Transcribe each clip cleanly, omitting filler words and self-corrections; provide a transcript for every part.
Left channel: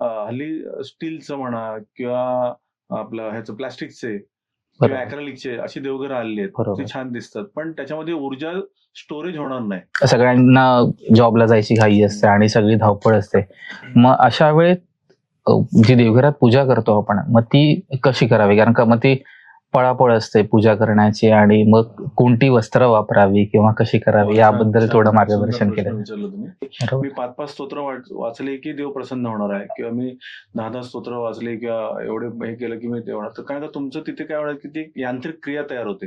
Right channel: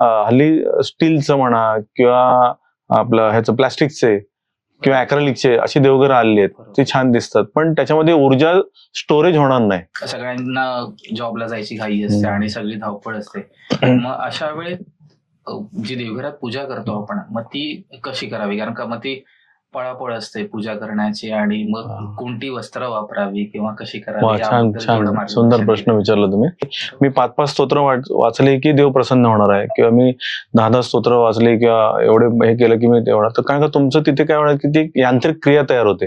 हल्ली स्टीलचं म्हणा किंवा आपलं ह्याचं प्लास्टिकचे किंवा अॅक्रेलिकचे अशी देवघर आलेली आहेत, ती छान दिसतात, पण त्याच्यामध्ये ऊर्जा स्टोरेज होणार नाही. सगळ्यांना जॉबला जायची घाई असते आणि सगळी धावपळ असते. मग अशा वेळेत जी देवघरात पूजा करतो आपण, मग ती कशी करावी? कारण का मग ती पळापळ असते पूजा करण्याची, आणि मग कोणती वस्त्र वापरावी किंवा कशी करावी याबद्दल थोडं मार्गदर्शन. सुंदर प्रश्न विचारला तुम्ही. मी 5-5 स्तोत्र वाचले की देव प्रसन्न होणार आहे, किंवा मी 10-10 स्तोत्र वाचले किंवा एवढे हे केलं की मी तेवढा, तर कारण का तुमचं तिथे काय होणार की ती यांत्रिक क्रिया तयार होते.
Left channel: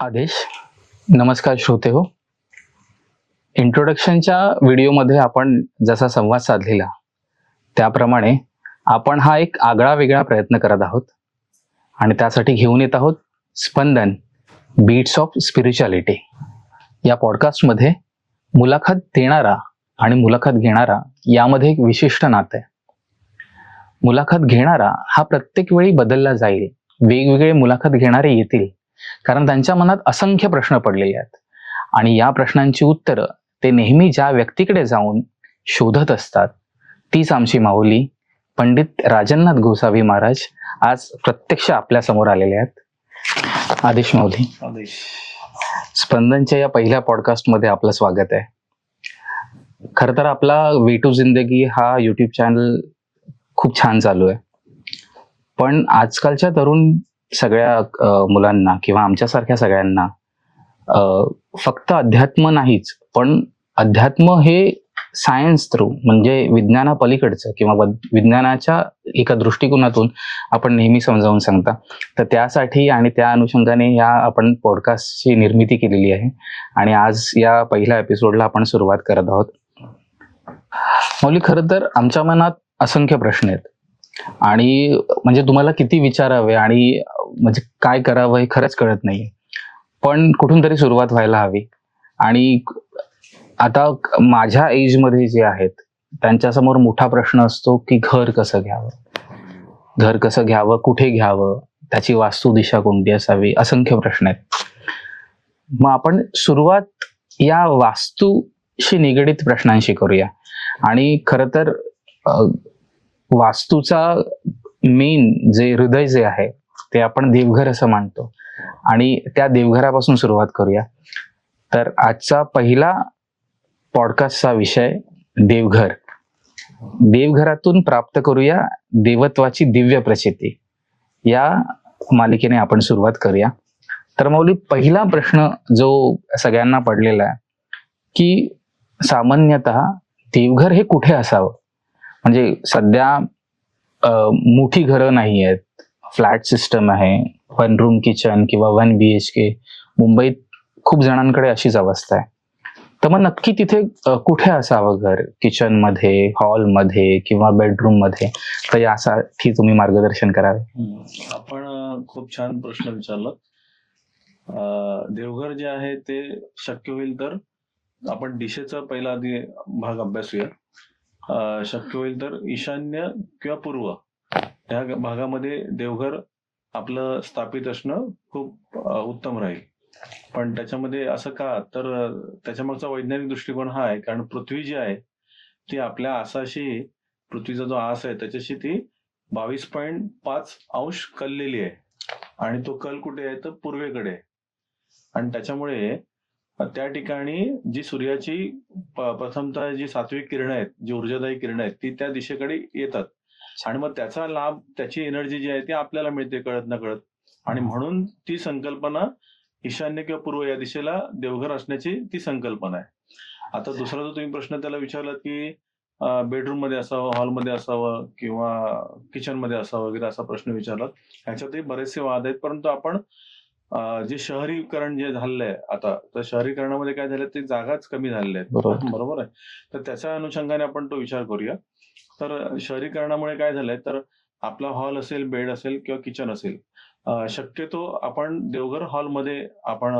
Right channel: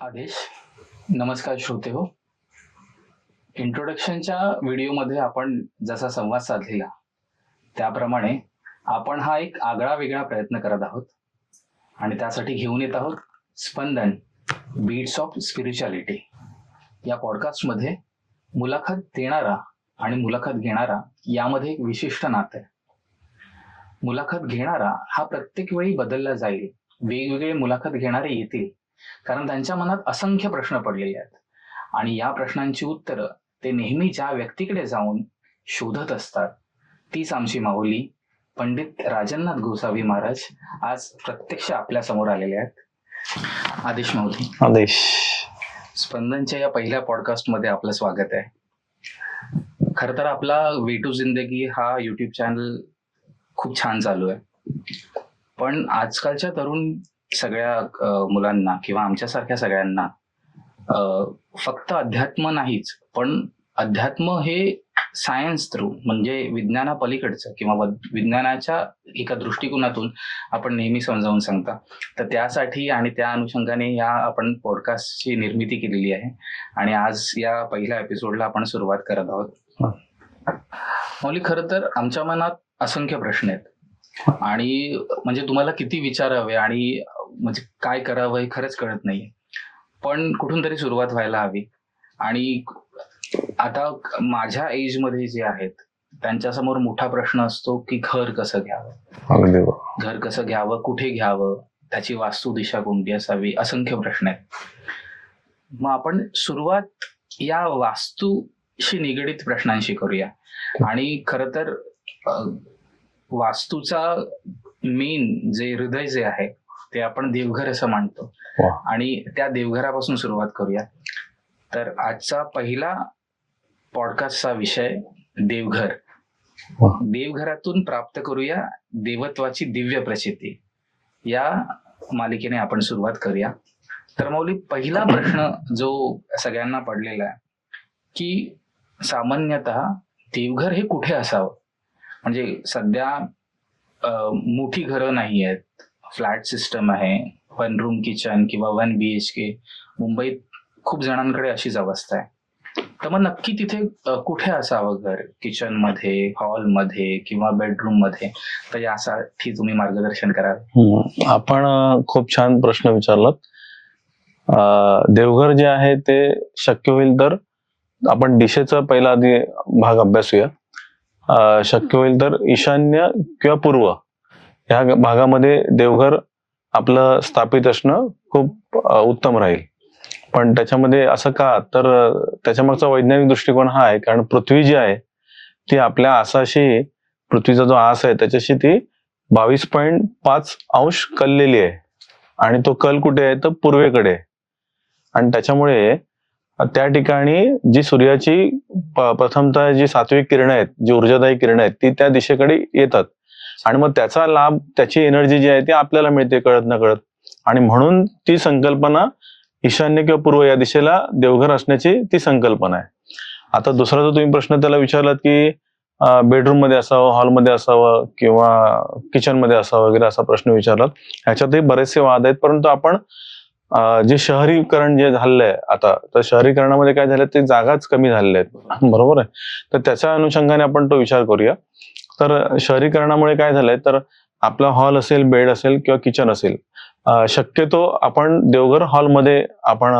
आदेश, नमस्कार श्रोते हो. इंट्रोडक्शनच्या व्हिडिओमध्ये आपण जसा संवाद साधलेला त्याप्रमाणे आपण हा एक आगळा वेगळा प्रयत्न करत आहोत, आणि त्यासाठी घेऊन येत आहोत स्पंदन, बीट्स ऑफ स्पिरिच्युअलिटी. या पॉडकास्टमध्ये मुलाखत देणारा आणि मुलाखत घेणारा यामध्ये एक विशिष्ट नातं आहे. मुलाखत घेणारा हा प्रत्येक वेळी बदलला जाईल, वेगवेगळे मुलाखत घेणारे येतील, कारण त्यांच्या मनात असंख्य प्रश्न पडलेले आहेत, आणि या प्रश्नांची उत्तरं ते नेहमी ज्या व्यक्तीकडे जाऊन शोधत असतात, तीच आमची माऊली पंडित राजन्नाथ गोसावी महाराज आज प्रत्यक्ष आपल्या समोर आलेले आहेत. आदेश माऊली. आदेश. स्पंदनच्या या पहिल्या पॉडकास्टमध्ये आपलं स्वागत आहे. खरं तर आपला वे टू जिंदगी हा युट्यूब चॅनल खूप छान चालू आहे, पण आजकालच्या तरुण सगळ्या मुलांना किंवा आमच्यासारख्या सगळ्यांना फक्त अध्यात्म नाहीच, पण अध्यात्म हे सायन्स थ्रू, म्हणजे विज्ञानापलीकडचं किंवा विज्ञानाच्या एका दृष्टिकोनातून आपण नेहमी समजावून सांगता. तर त्यासाठी आणि त्या अनुषंगाने या आपण पॉडकास्टची निर्मिती केलेली आहे, आणि आज या पहिल्या एपिसोडला आपण सुरुवात करत आहोत. मौली, खरं तर आमच्या मनात असंख्य प्रश्न आहेत, आणि म्हणजे तुम्हाला किती विचारावे आणि म्हणजे काय करावं हे खरंच कळत नाहीये, पण कुठून तरी सुरुवात व्हायला हवी. आणि आता माझ्या एज मध्ये जे आहेत त्यांच्यासमोर मोठा प्रश्न असतो की घर कसं घ्यावं, घर कसं घ्यावं, कुठे घ्यावं, त्याची वास्तू दिशा कोणती असावी, असंख्य प्रश्न आहेत. मग आपण सुरुवात या वास्तूशी निगडीत प्रश्नांशी करूया. आणि खरं तर वास्तूचा मेन जे हृदय जे आहे ते आपण देवघर असं मानतो, आणि त्या देवघरापासून सुरुवात करूया. तर आजचा पहिला पॉडकास्टचा विषय देवघर. देवघरातून प्राप्त करूया देवत्वाची दिव्य प्रचिती, या मालिकेने आपण सुरुवात करूया. तर मौली, पहिला प्रश्न जो सगळ्यांना पडलेला आहे की सामान्यतः देवघर हे कुठे असावं? म्हणजे सध्या मोठी घरं नाही आहेत, फ्लॅट सिस्टम आहे, 1 रूम किचन किंवा 1 BHK. मुंबईत खूप जणांकडे अशीच अवस्था आहे. तर मग नक्की तिथे कुठे असावं घर? किचन मध्ये, हॉल मध्ये किंवा बेडरूम मध्ये? तर यासाठी तुम्ही मार्गदर्शन करावे. आपण खूप छान प्रश्न विचारलात. देवघर जे आहे ते शक्य होईल तर आपण दिशेचा पहिला आधी भाग अभ्यासूया. शक्य होईल तर ईशान्य किंवा पूर्व ह्या भागामध्ये देवघर आपलं स्थापित असणं खूप उत्तम राहील. पण त्याच्यामध्ये असं का, तर त्याच्यामागचा वैज्ञानिक दृष्टिकोन हा आहे, कारण पृथ्वी जी आहे ती आपल्या आसाशी, पृथ्वीचा जो आस आहे त्याच्याशी ती 22.5 अंश कललेली आहे, आणि तो कल कुठे आहे तर पूर्वेकडे आहे. आणि त्याच्यामुळे त्या ठिकाणी जी सूर्याची प्रथमतः जी सात्विक किरणं आहेत, जी ऊर्जादायी किरणं आहेत, ती त्या दिशेकडे येतात, आणि मग त्याचा लाभ, त्याची एनर्जी जी आहे ती आपल्याला मिळते कळत न कळत. आणि म्हणून ती संकल्पना ईशान्य किंवा पूर्व या दिशेला देवघर असण्याची ती संकल्पना आहे. आता दुसरा जो तुम्ही प्रश्न त्याला विचारलात की बेडरूम मध्ये असावं, हॉलमध्ये असावं किंवा किचन मध्ये असावं वगैरे, असा प्रश्न विचारलात. ह्याच्यातही बरेचसे वाद आहेत, परंतु आपण जे शहरीकरण जे झालंय आता, तर शहरीकरणामध्ये काय झालं, ते जागाच कमी झालेल्या आहेत, बरोबर आहे. तर त्याच्या अनुषंगाने आपण तो विचार करूया. तर शहरीकरणामुळे काय झालंय, तर आपला हॉल असेल, बेड असेल किंवा किचन असेल, शक्यतो आपण देवघर हॉलमध्ये, आपण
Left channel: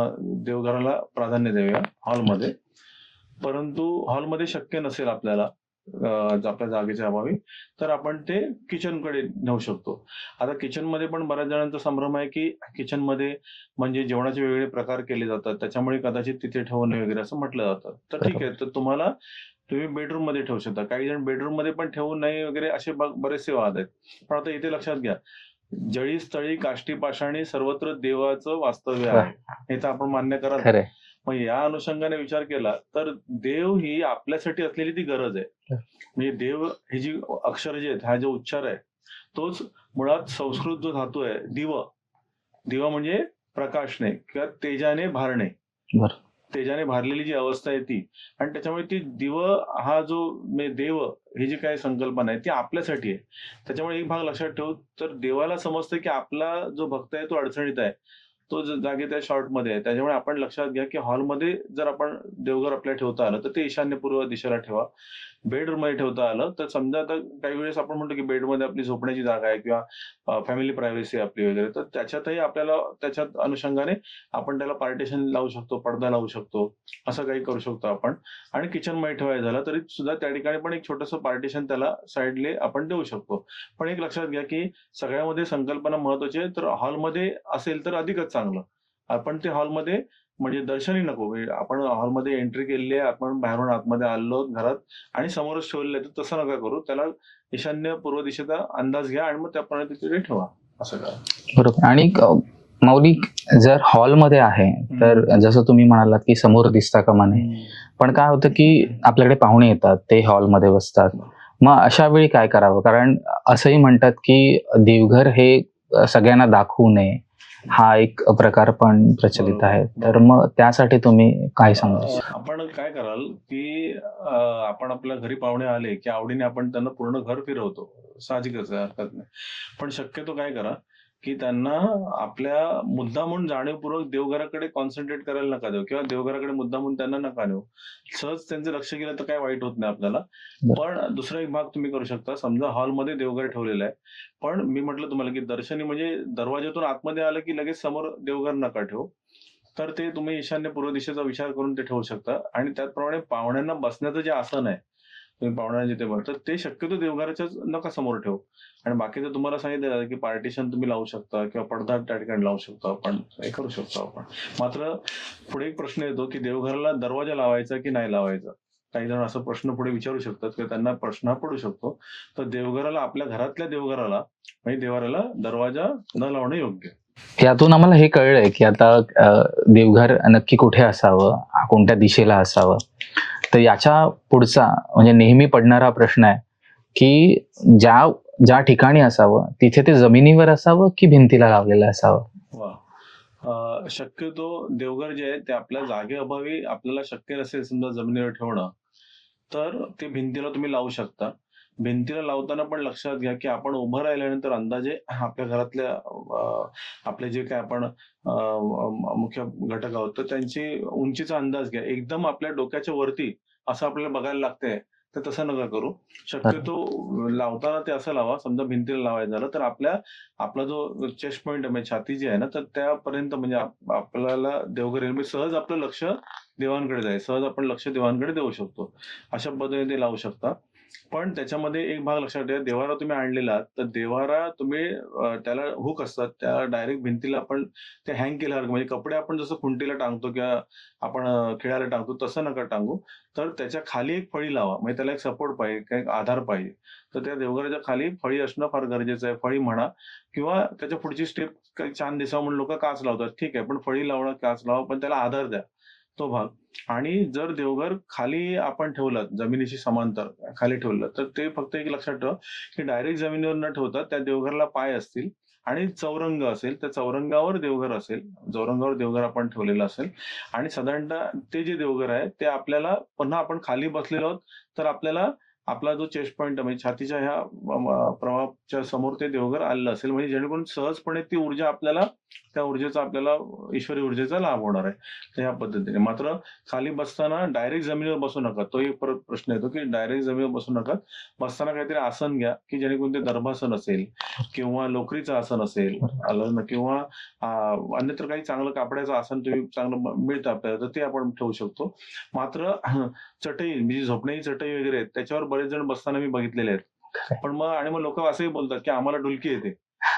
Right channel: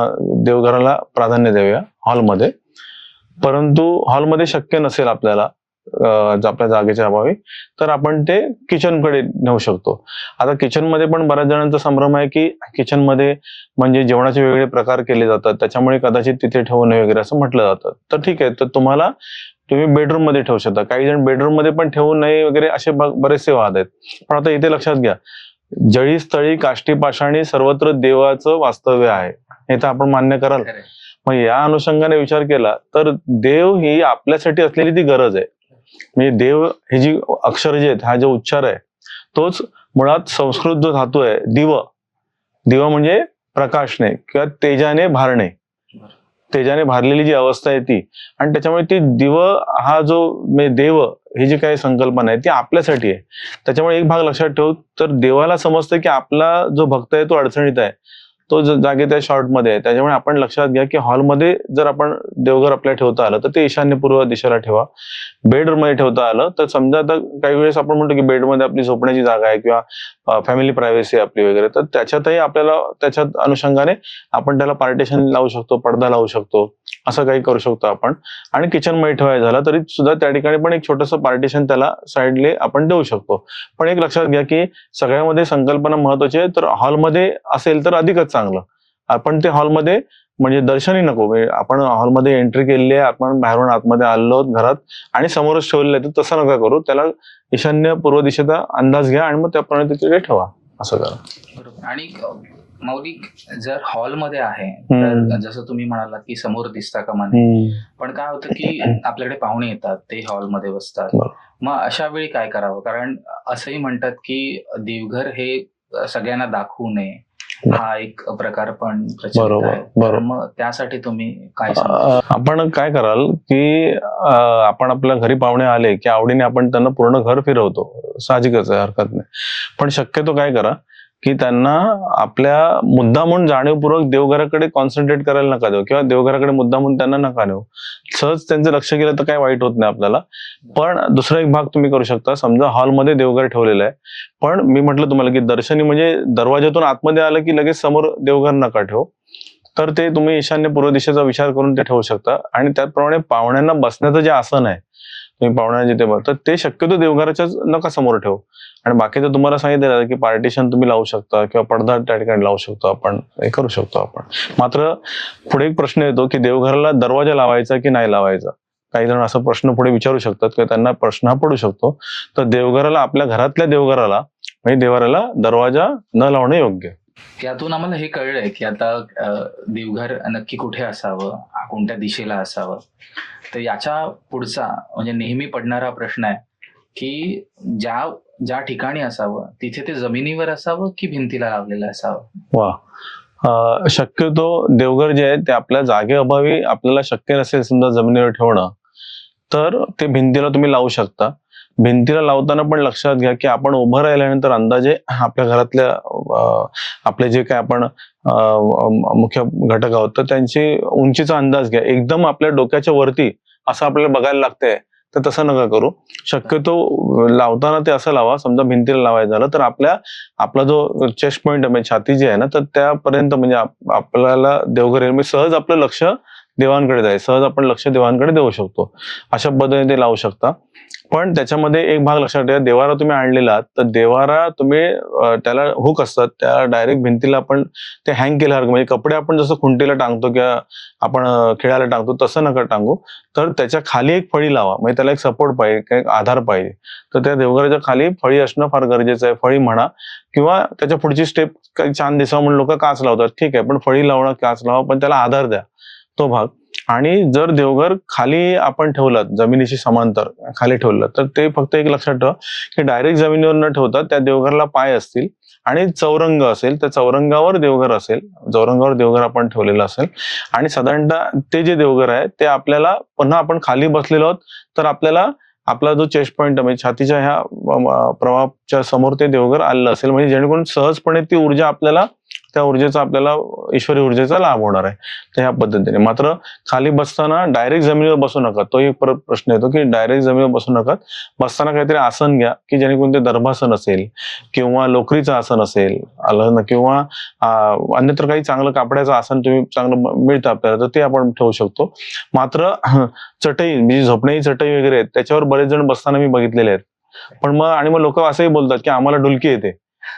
देवघराला प्राधान्य देऊया हॉलमध्ये. परंतु हॉलमध्ये शक्य नसेल आपल्याला, आपल्या जागेच्या अभावी, तर आपण ते किचनकडे नेऊ शकतो. आता किचनमध्ये पण बऱ्याच जणांचा संभ्रम आहे की किचनमध्ये म्हणजे जेवणाचे वेगवेगळे प्रकार केले जातात, त्याच्यामुळे कदाचित तिथे ठेवू नये वगैरे असं म्हटलं जातं. तर ठीक आहे, तर तुम्ही बेडरूम मध्ये ठेवू शकता. काही जण बेडरूम मध्ये पण ठेवू नये वगैरे असे बरेचसे वाद आहेत. पण आता इथे लक्षात घ्या, जळी स्थळी काष्टी पाषाणी सर्वत्र देवाचं वास्तव्य आहे, हे तर आपण मान्य कराल. खरंय. मग या अनुषंगाने विचार केला तर देव ही आपल्यासाठी असलेली ती गरज आहे. म्हणजे देव हे जी अक्षर जे आहेत, हा जो उच्चार आहे, तोच मुळात संस्कृत जो धातू आहे दिव म्हणजे प्रकाशने किंवा तेजाने भारणे, बरं. तेजाने भारलेली जी अवस्था आहे ती, आणि त्याच्यामुळे ती दिव हा जो म्हणजे देव ही जी काही संकल्पना आहे ती आपल्यासाठी आहे. त्याच्यामुळे एक भाग लक्षात ठेवू, तर देवाला समजतं की आपला जो भक्त आहे तो अडचणीत आहे, तो जागे त्या शॉर्ट मध्ये आहे. त्याच्यामुळे आपण लक्षात घ्या की हॉलमध्ये जर आपण देवघर आपल्या ठेवता आलं तर ते ईशान्यपूर्व दिशेला ठेवा. बेडरूम मध्ये ठेवता आलं तर समजा आता काही वेळेस आपण म्हणतो की बेडमध्ये आपली झोपण्याची जागा आहे किंवा फॅमिली प्रायव्हसी आपली वगैरे, तर त्याच्यातही आपल्याला त्याच्यात अनुषंगाने आपण त्याला पार्टिशन लावू शकतो, पडदा लावू शकतो, असं काही करू शकतो आपण. आणि किचन मध्ये ठेवायचं झालं तरी सुद्धा त्या ठिकाणी पण एक छोटंसं पार्टिशन त्याला साईडले आपण देऊ शकतो. पण एक लक्षात घ्या की सगळ्यामध्ये संकल्पना महत्वाची आहे, तर हॉलमध्ये असेल तर अधिकच चांगलं. आपण ते हॉलमध्ये म्हणजे दर्शनी नको, म्हणजे आपण हॉलमध्ये एंट्री केलेली आहे, आपण बाहेरून आतमध्ये आलो घरात आणि समोरच ठेवलेलं आहे, तर तसं नका करू. त्याला ईशान्य पूर्व दिशेचा अंदाज घ्या आणि मग त्याप्रमाणे तिकडे ठेवा, असं करा. बरोबर. आणि माऊली, जर हॉलमध्ये आहे तर जसं तुम्ही म्हणालात की समोर दिसता कामा नये, पण काय होतं की आपल्याकडे पाहुणे येतात, ते हॉलमध्ये बसतात, मग अशा वेळी काय करावं? कारण असंही म्हणतात की देवघर हे सगळ्यांना दाखवू नये, हा एक प्रकार पण प्रचलित आहे. तर मग त्यासाठी तुम्ही काय सांगा? आपण काय कराल की आपण आपल्या घरी पाहुणे आले की आवडीने आपण त्यांना पूर्ण घर फिरवतो, साहजिकच आहे, हरकत नाही. पण शक्यतो काय करा की त्यांना आपल्या मुद्दामून जाणीवपूर्वक देवघराकडे कॉन्सन्ट्रेट करायला नका देऊ, किंवा देवघराकडे मुद्दामून त्यांना नका नेऊ. सहज त्यांचं लक्ष गेलं तर काय वाईट होत नाही आपल्याला. पण दुसरा एक भाग तुम्ही करू शकता. समजा हॉलमध्ये देवघर ठेवलेलं आहे, पण मी म्हटलं तुम्हाला की दर्शनी म्हणजे दरवाजातून आतमध्ये आलं की लगेच समोर देवघर नका ठेवू, तर ते तुम्ही ईशान्य पूर्व दिशेचा विचार करून ते ठेवू शकता. आणि त्याचप्रमाणे पाहुण्यांना बसण्याचं जे आसन आहे, तुम्ही पाहुण्यांना जिथे तर ते शक्यतो देवघराच्या नका समोर ठेवू. आणि बाकीचं तुम्हाला सांगितलं की पार्टिशन तुम्ही लावू शकता किंवा पडदा त्या ठिकाणी लावू शकतो, आपण हे करू शकतो आपण. मात्र पुढे एक प्रश्न येतो की देवघराला दरवाजा लावायचा की नाही लावायचा. काही जण असा प्रश्न पुढे विचारू शकतात किंवा त्यांना प्रश्न हा पडू शकतो. तर देवघराला, आपल्या घरातल्या देवघराला म्हणजे देवाऱ्याला दरवाजा न लावणे योग्य. यातून आम्हाला हे कळलंय की आता देवघर नक्की कुठे असावं, कोणत्या दिशेला असावं. तर याच्या पुढचा म्हणजे नेहमी पडणारा प्रश्न आहे की ज्या ठिकाणी असावं तिथे ते जमिनीवर असावं की भिंतीला लावलेलं असावं? वा, शक्यतो देवघर जे आहे ते आपल्या जागेअभावी आपल्याला शक्य नसेल समजा जमिनीवर ठेवणं, तर ते भिंतीला तुम्ही लावू शकता. भिंतीला लावताना पण लक्षात घ्या की आपण उभं राहिल्यानंतर अंदाजे आपल्या घरातल्या आपले जे काय आपण मुख्य घटक आहोत तर त्यांची उंचीचा अंदाज घ्या. एकदम आपल्या डोक्याच्या वरती असं आपल्याला बघायला लागतंय तर तसं नका करू. शक्यतो लावताना ते असं लावा, समजा भिंतीला लावायचं झालं तर आपला जो चेस्ट पॉइंट म्हणजे छाती जी आहे ना, तर त्यापर्यंत म्हणजे आपल्याला देवघर म्हणजे सहज आपलं लक्ष देवांकडे जाईल, सहज आपण लक्ष देवांकडे देऊ शकतो. अशा पद्धतीने ते लावू शकता. पण त्याच्यामध्ये एक भाग लक्षात ठेवा, देवारा तुम्ही आणलेला तर देवारा तुम्ही त्याला हुक असतात, त्या डायरेक्ट भिंतीला आपण ते हँग केल्यासारखं, म्हणजे कपडे आपण जसं खुंटीला टांगतो किंवा आपण खेळायला टांगतो तसं नका टांगू. तर त्याच्या खाली एक फळी लावा, म्हणजे त्याला एक सपोर्ट पाहिजे, काही आधार पाहिजे. तर त्या देवघराच्या खाली फळी असणं फार गरजेचं आहे. फळी म्हणा किंवा त्याच्या पुढची स्टेप काही छान दिसावं म्हणून लोक काच लावतात, ठीक आहे, पण फळी लावणं, काच लावा, पण त्याला आधार द्या, तो भाग. आणि जर देवघर खाली आपण ठेवलं, जमिनीशी समांतर खाली ठेवलं, तर ते फक्त एक लक्षात ठेवा की डायरेक्ट जमिनीवर न ठेवता त्या देवघरला पाय असतील आणि चौरंग असेल, त्या चौरंगावर देवघर असेल, चौरंगावर देवघर आपण ठेवलेलं असेल. आणि साधारणतः ते जे देवघर आहे ते आपल्याला पुन्हा आपण खाली बसलेलो आहोत तर आपल्याला आपला जो चेस्ट पॉइंट म्हणजे छातीच्या ह्या प्रवाहाच्या समोर ते देवघर आलेलं असेल, म्हणजे जेणेकरून सहजपणे ती ऊर्जा आपल्याला त्या ऊर्जेचा आपल्याला ईश्वरी ऊर्जेचा लाभ होणार आहे. तर ह्या पद्धतीने. मात्र खाली बसताना डायरेक्ट जमिनीवर बसू नका. तो एक परत प्रश्न येतो की डायरेक्ट जमिनीवर बसू नका. बसताना काहीतरी आसन घ्या की जेणेकरून ते दर्भासन असेल किंवा लोकरीचं आसन असेल आलं ना, किंवा अन्यत्र काही चांगलं कापडाचं आसन तुम्ही चांगलं मिळतं आपल्याला, तर ते आपण ठेवू शकतो. मात्र चटई म्हणजे झोपण्याची चटई वगैरे आहेत, त्याच्यावर बरेच जण बसताना मी बघितलेले आहेत. पण मग लोक असंही बोलतात की आम्हाला डुलकी येते,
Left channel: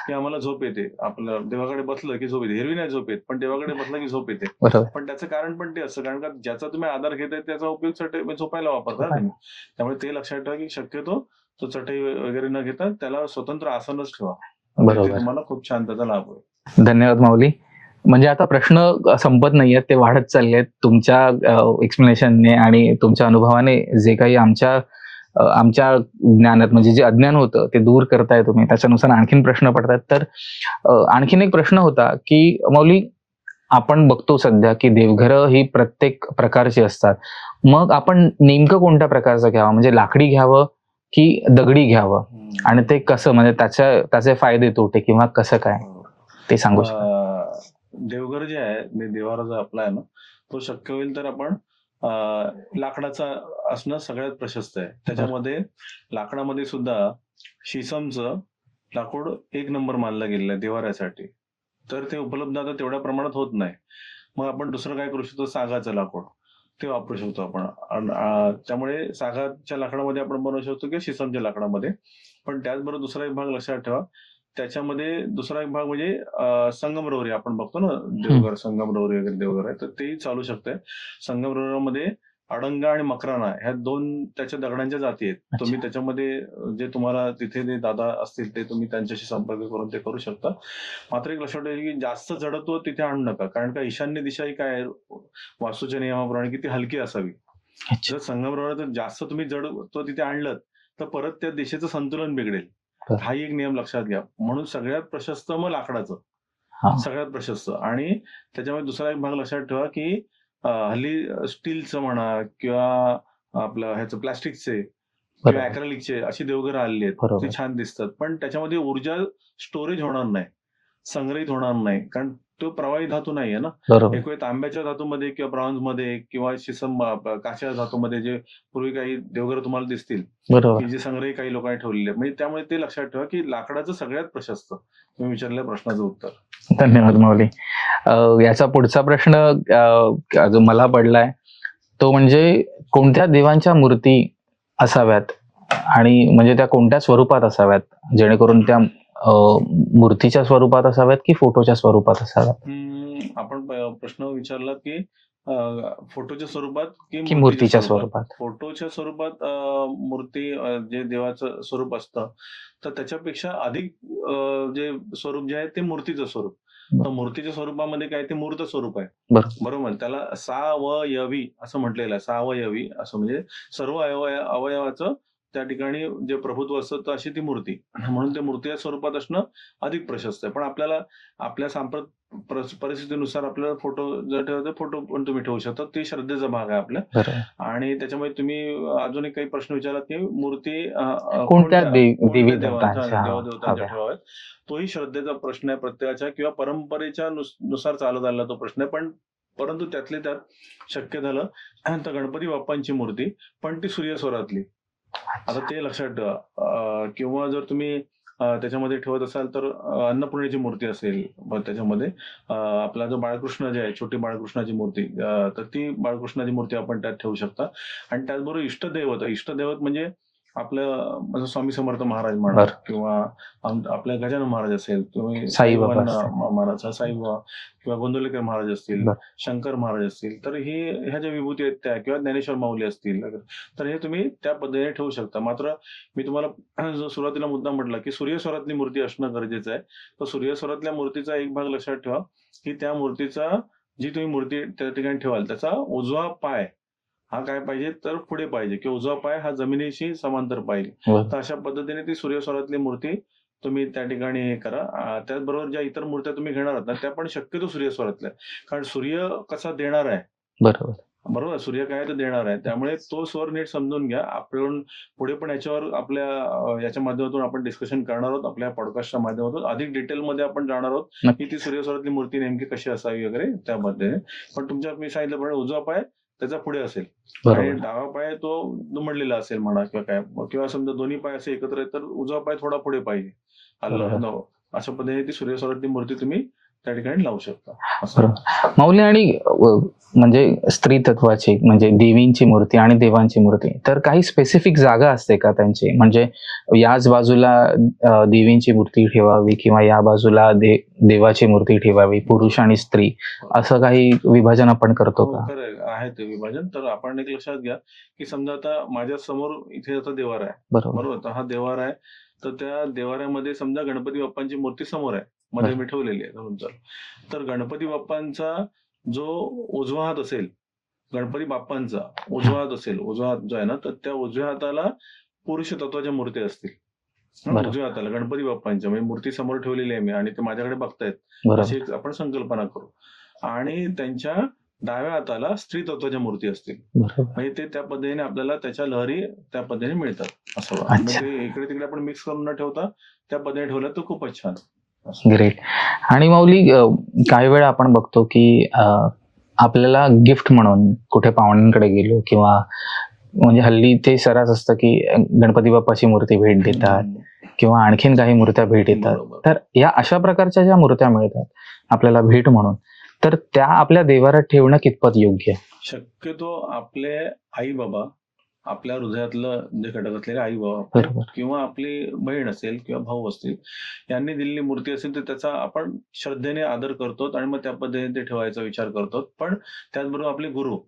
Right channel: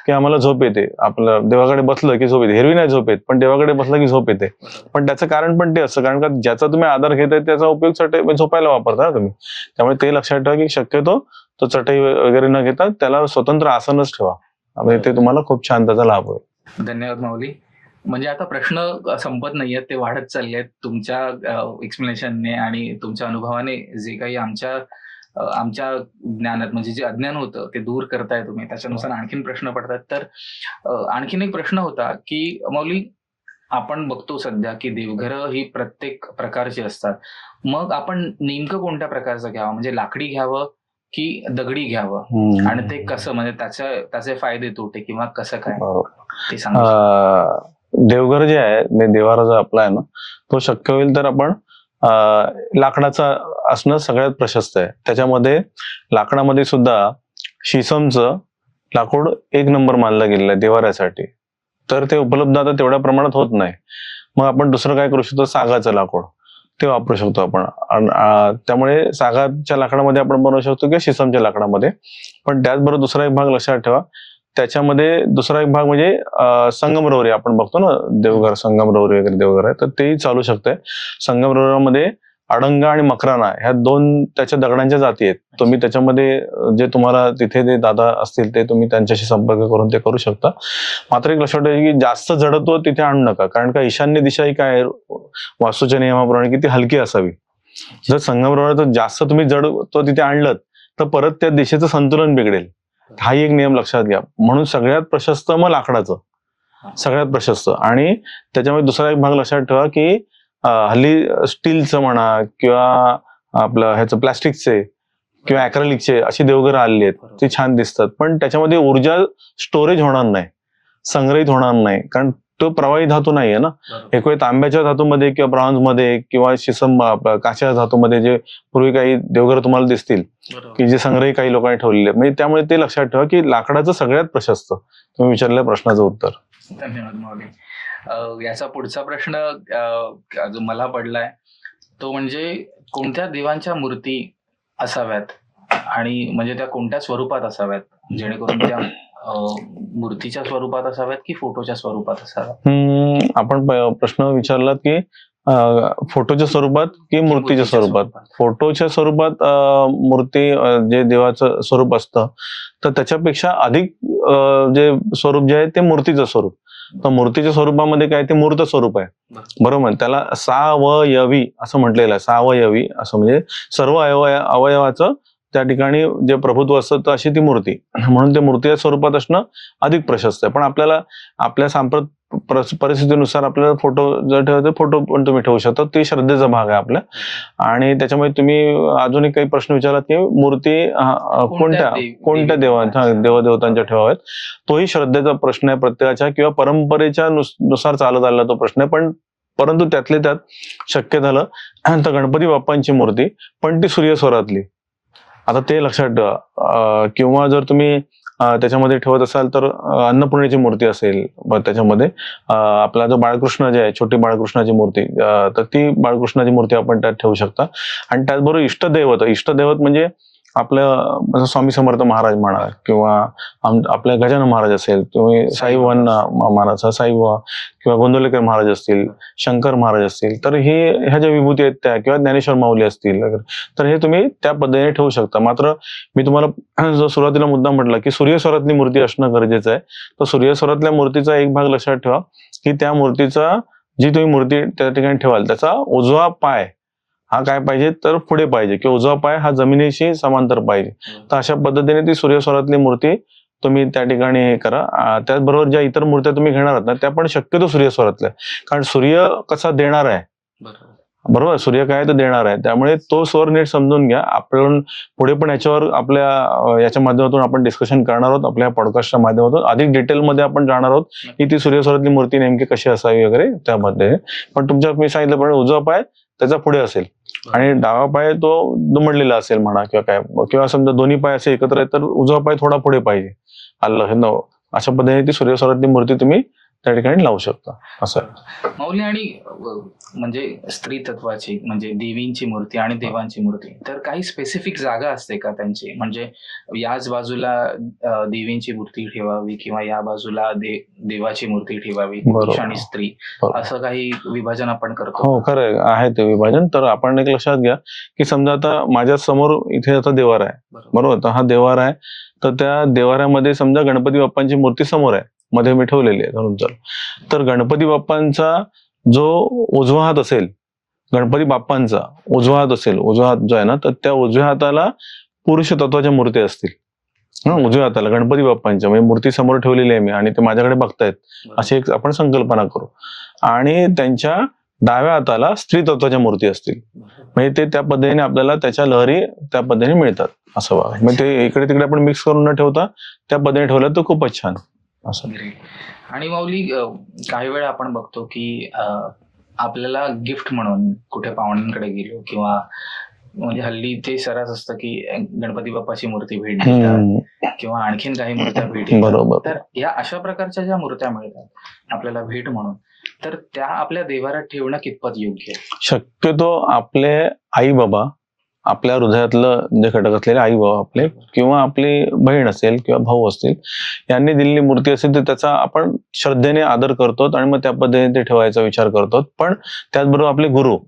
की आम्हाला झोप येते. आपलं देवाकडे बसलं की झोप येते. एरवी नाही झोप येत, पण देवाकडे बसलं की झोप येते. पण त्याचं कारण पण ते असतं, कारण का ज्याचा तुम्ही आधार घेताय त्याचा उपयोग चटई झोपायला वापरता ना तुम्ही. त्यामुळे ते लक्षात ठेवा की शक्यतो तो चटई वगैरे न घेता त्याला स्वतंत्र आसनच ठेवा. म्हणजे ते तुम्हाला खूप छान त्याचा लाभ होईल. धन्यवाद माऊली. म्हणजे आता प्रश्न संपत नाहीयेत, ते वाढत चालले आहेत तुमच्या एक्सप्लेनेशनने आणि तुमच्या अनुभवाने. जे काही आमच्या ज्ञानात म्हणजे जे अज्ञान होतं ते दूर करताय तुम्ही, त्याच्यानुसार आणखीन प्रश्न पडतात. तर आणखीन एक प्रश्न होता की माऊली, आपण बघतो सध्या की देवघरं ही प्रत्येक प्रकारची असतात. मग आपण नेमकं कोणत्या प्रकारचं घ्यावं, म्हणजे लाकडी घ्यावं की दगडी घ्यावं, आणि ते कसं, म्हणजे त्याचे फायदे तोटे किंवा कसं काय ते सांगू शकता? देवघर जे आहे, देवारा जो आपला आहे ना, तो शक्य होईल तर आपण लाकडाचा असणं सगळ्यात प्रशस्त आहे. त्याच्यामध्ये लाकडामध्ये सुद्धा शिसमचं लाकूड एक नंबर मानलं गेलेलं आहे देवाऱ्यासाठी. तर ते उपलब्ध आता तेवढ्या प्रमाणात होत नाही. मग आपण दुसरं काय करू शकतो, सागाचं लाकूड ते वापरू शकतो आपण. त्यामुळे सागाच्या लाकडामध्ये आपण बनवू शकतो किंवा शिसमच्या लाकडामध्ये. पण त्याचबरोबर दुसरा एक भाग लक्षात ठेवा, त्याच्यामध्ये दुसरा एक भाग म्हणजे संगमरवरी आपण बघतो ना, देवघर संगमरवरी वगैरे देवघर आहे, तर तेही चालू शकतंय. संगमरवरीमध्ये अडंगा आणि मकराना ह्या दोन त्याच्या दगडांच्या जाती आहेत. तुम्ही त्याच्यामध्ये जे तुम्हाला तिथे जे दादा असतील ते तुम्ही त्यांच्याशी संपर्क करून ते करू शकता. मात्र एक लक्षात ठेवा की जास्त जडत्व तिथे आणू नका, कारण का ईशान्य दिशा ही काय वास्तूच्या नियमाप्रमाणे की ती हलकी असावी. जर संगमरवरीत जास्त तुम्ही जडत्व तिथे आणलं तर परत त्या दिशेचं संतुलन बिघडेल. हाही एक नियम लक्षात घ्या. म्हणून सगळ्यात प्रशस्त मग लाकडाचं, सगळ्यात प्रशस्त. आणि त्याच्यामध्ये दुसरा एक भाग लक्षात ठेवा की हल्ली स्टीलचं म्हणा किंवा आपलं ह्याचं प्लास्टिकचे किंवा ॲक्रेलिकचे अशी देवघरं आलेली आहेत, ती छान दिसतात, पण त्याच्यामध्ये ऊर्जा स्टोरेज होणार नाही, संग्रहित होणार नाही, कारण तो प्रवाही धातू नाहीये ना. एक वेळ तांब्याच्या धातूमध्ये किंवा ब्रॉन्झ मध्ये किंवा शिसम काचेच्या धातूमध्ये जे पूर्वी काही देवघर तुम्हाला दिसतील की जे संग्रही काही लोकांनी ठेवलेले, म्हणजे त्यामुळे ते लक्षात ठेवा की लाकडाचं सगळ्यात प्रशस्त. तुम्ही विचारलेल्या प्रश्नाचं उत्तर. धन्यवाद माऊली. याचा पुढचा प्रश्न जो मला पडलाय तो म्हणजे कोणत्या देवांच्या मूर्ती असाव्यात आणि म्हणजे त्या कोणत्या स्वरूपात असाव्यात, जेणेकरून त्या मूर्तीच्या स्वरूपात असाव्यात की फोटोच्या स्वरूपात असाव्यात? आपण प्रश्न विचारलात की फोटोच्या स्वरूपात की मूर्तीच्या स्वरूपात. फोटोच्या स्वरूपात मूर्ती जे देवाचं स्वरूप असतं, तर त्याच्यापेक्षा अधिक जे स्वरूप जे आहे ते मूर्तीचं स्वरूप. तर मूर्तीच्या स्वरूपामध्ये काय, ते मूर्त स्वरूप आहे, बरोबर. त्याला सावयवी असं म्हटलेलं आहे. सावयवी असं म्हणजे सर्व अवयवाचं त्या ठिकाणी जे प्रभुत्व असतं, तर अशी ती मूर्ती. म्हणून ते मूर्तीच्या स्वरूपात असणं अधिक प्रशस्त आहे. पण आपल्याला आपल्या परिस्थितीनुसार आपल्याला फोटो जर ठेवायचं, फोटो पण तुम्ही ठेवू शकता. ते श्रद्धेचा भाग आहे आपल्या. आणि त्याच्यामध्ये तुम्ही अजूनही काही प्रश्न विचारलात की मूर्ती कोणत्या देवदेवतांच्या ठेवाव्यात, तोही श्रद्धेचा प्रश्न आहे प्रत्येकाच्या किंवा परंपरेच्या नुसार चालत आलेला तो प्रश्न आहे. परंतु त्यातले त्यात शक्य झालं तर गणपती बाप्पांची मूर्ती, पण ती सूर्यस्वरातली. आता ते लक्षात ठेवा. किंवा जर तुम्ही त्याच्यामध्ये ठेवत असाल तर अन्नपूर्णेची मूर्ती असेल, त्याच्यामध्ये आपला जो बाळकृष्ण जे आहे, छोटी बाळकृष्णाची मूर्ती, तर ती बाळकृष्णाची मूर्ती आपण त्यात ठेवू शकता. आणि त्याचबरोबर इष्टदैवत म्हणजे आपलं स्वामी समर्थ महाराज म्हणा किंवा आपल्या गजानन महाराज असेल, तुम्ही साईबाबा महाराज, साईबाबा किंवा गोंदवलेकर महाराज असतील, शंकर महाराज असतील, तर ह्या ज्या विभूती आहेत त्या, किंवा ज्ञानेश्वर माऊली असतील, तर हे तुम्ही त्या पद्धतीने ठेवू शकता. मात्र मी तुम्हाला जो सुरुवातीला मुद्दा म्हटला की सूर्यस्वरातली मूर्ती असणं गरजेचं आहे, तर सूर्यस्वरातल्या मूर्तीचा एक भाग लक्षात ठेवा की त्या मूर्तीचा, जी तुम्ही मूर्ती त्या ठिकाणी ठेवाल, त्याचा उजवा पाय हा काय पाहिजे, तर पुढे पाहिजे, किंवा उजवा पाय हा जमिनीशी समांतर पाहिजे. तर अशा पद्धतीने ती सूर्यस्वरातली मूर्ती तुम्ही त्या ठिकाणी हे करा. त्याचबरोबर ज्या इतर मूर्त्या तुम्ही घेणार आहात ना, त्या पण शक्यतो सूर्यस्वरातल्या, कारण सूर्य कसा देणार आहे, बरोबर, बरोबर, सूर्य काय तर देणार आहे, त्यामुळे तो स्वर नीट समजून घ्या. आपण पुढे पण याच्यावर आपल्या याच्या माध्यमातून आपण डिस्कशन करणार आहोत, आपल्या पॉडकास्टच्या माध्यमातून अधिक डिटेलमध्ये आपण जाणार आहोत की ती सूर्यस्वरातली मूर्ती नेमकी कशी असावी वगैरे त्यामध्ये. पण तुमच्या मी सांगितलं पण उजवा पाय त्याचा पुढे असेल आणि डावा पाय तो दुमडलेला असेल म्हणा किंवा काय, किंवा समजा दोन्ही पाय असे एकत्र आहेत तर उजवा पाय थोडा पुढे पाहिजे. आलं अशा पद्धतीने ती सूर्यस्वरातली मूर्ती तुम्ही त्या ठिकाणी लावू शकता असं. माऊली, आणि म्हणजे स्त्री तत्वाची म्हणजे देवींची मूर्ती आणि देवांची मूर्ती, तर काही स्पेसिफिक जागा असते का त्यांची? म्हणजे याच बाजूला देवींची मूर्ती ठेवावी किंवा या बाजूला देवाची मूर्ती ठेवावी, पुरुष आणि स्त्री, असं काही विभाजन आपण करतो? हो, खरं आहे ते विभाजन. तर आपण एक लक्षात घ्या की समजा आता माझ्या समोर इथे आता देवार आहे, बरोबर, तर हा देवार आहे, तर त्या देवाऱ्यामध्ये समजा गणपती बाप्पांची मूर्ती समोर आहे, मध्ये मी ठेवलेली आहे धरून चल. तर गणपती बाप्पांचा जो उजवा हात असेल, गणपती बाप्पांचा उजवा हात असेल, उजवा हात जो आहे ना, तर त्या उजव्या हाताला पुरुष तत्वाच्या मूर्ती असतील. उजव्या हाताला गणपती बाप्पांच्या म्हणजे मूर्ती समोर ठेवलेली आहे मी आणि ते माझ्याकडे बघतायत, अशी एक आपण संकल्पना करू. आणि त्यांच्या डाव्या हाताला स्त्री तत्वाच्या मूर्ती असतील, म्हणजे ते त्या पद्धतीने आपल्याला त्याच्या लहरी त्या पद्धतीने मिळतात असं बघा. मग ते इकडे तिकडे आपण मिक्स करून न ठेवता त्या पद्धतीने ठेवलं तर खूपच छान. ग्रेट. आणि माऊली, काही वेळा आपण बघतो की आपल्याला गिफ्ट म्हणून कुठे पाहुण्यांकडे गेलो किंवा म्हणजे हल्ली ते सरस असतं की गणपती बाप्पाची मूर्ती भेट देतात किंवा आणखीन काही मूर्त्या भेट देतात. तर या अशा प्रकारच्या ज्या मूर्त्या मिळतात आपल्याला भेट म्हणून, तर त्या आपल्या देवारात ठेवणं कितपत योग्य आहे? शक्यतो आपले आई बाबा, आपल्या हृदयातलं जे घटक असलेले आई बाबा आपले किंवा आपली बहीण असेल किंवा भाऊ असतील, यांनी दिलेली मूर्ती असेल तर त्याचा आपण श्रद्धेने आदर करतो आणि मग त्या पद्धतीने ते ठेवायचा विचार करतो. पण त्याचबरोबर आपले गुरु,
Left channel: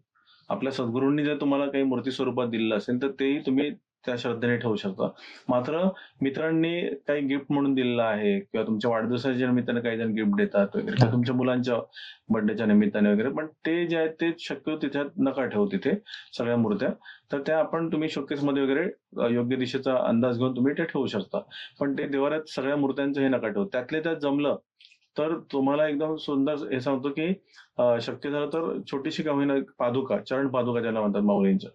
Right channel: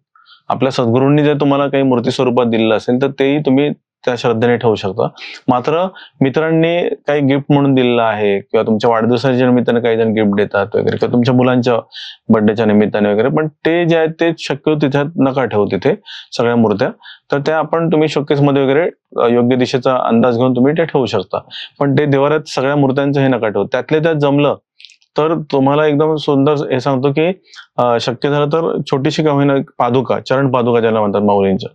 आपल्या सद्गुरूंनी जर तुम्हाला काही मूर्ती स्वरूपात दिलेलं असेल तर तेही तुम्ही त्या श्रद्धेने ठेवू शकता. मात्र मित्रांनी काही गिफ्ट म्हणून दिलेलं आहे किंवा तुमच्या वाढदिवसाच्या निमित्ताने काही जण गिफ्ट देतात वगैरे किंवा तुमच्या मुलांच्या बर्थडेच्या निमित्ताने वगैरे, पण ते जे आहेत ते शक्यतो तिच्यात नका ठेवू तिथे सगळ्या मूर्त्या. तर त्या आपण तुम्ही शोकेस मध्ये वगैरे योग्य दिशेचा अंदाज घेऊन तुम्ही ते ठेवू शकता. पण ते देवाऱ्यात सगळ्या मूर्त्यांचं हे नका ठेवू. त्यातल्या त्यात जमलं तर तुम्हाला एकदम सुंदर हे सांगतो की शक्य झालं तर छोटीशी का होईना पादुका, चरण पादुका ज्याला म्हणतात माऊलींच्या,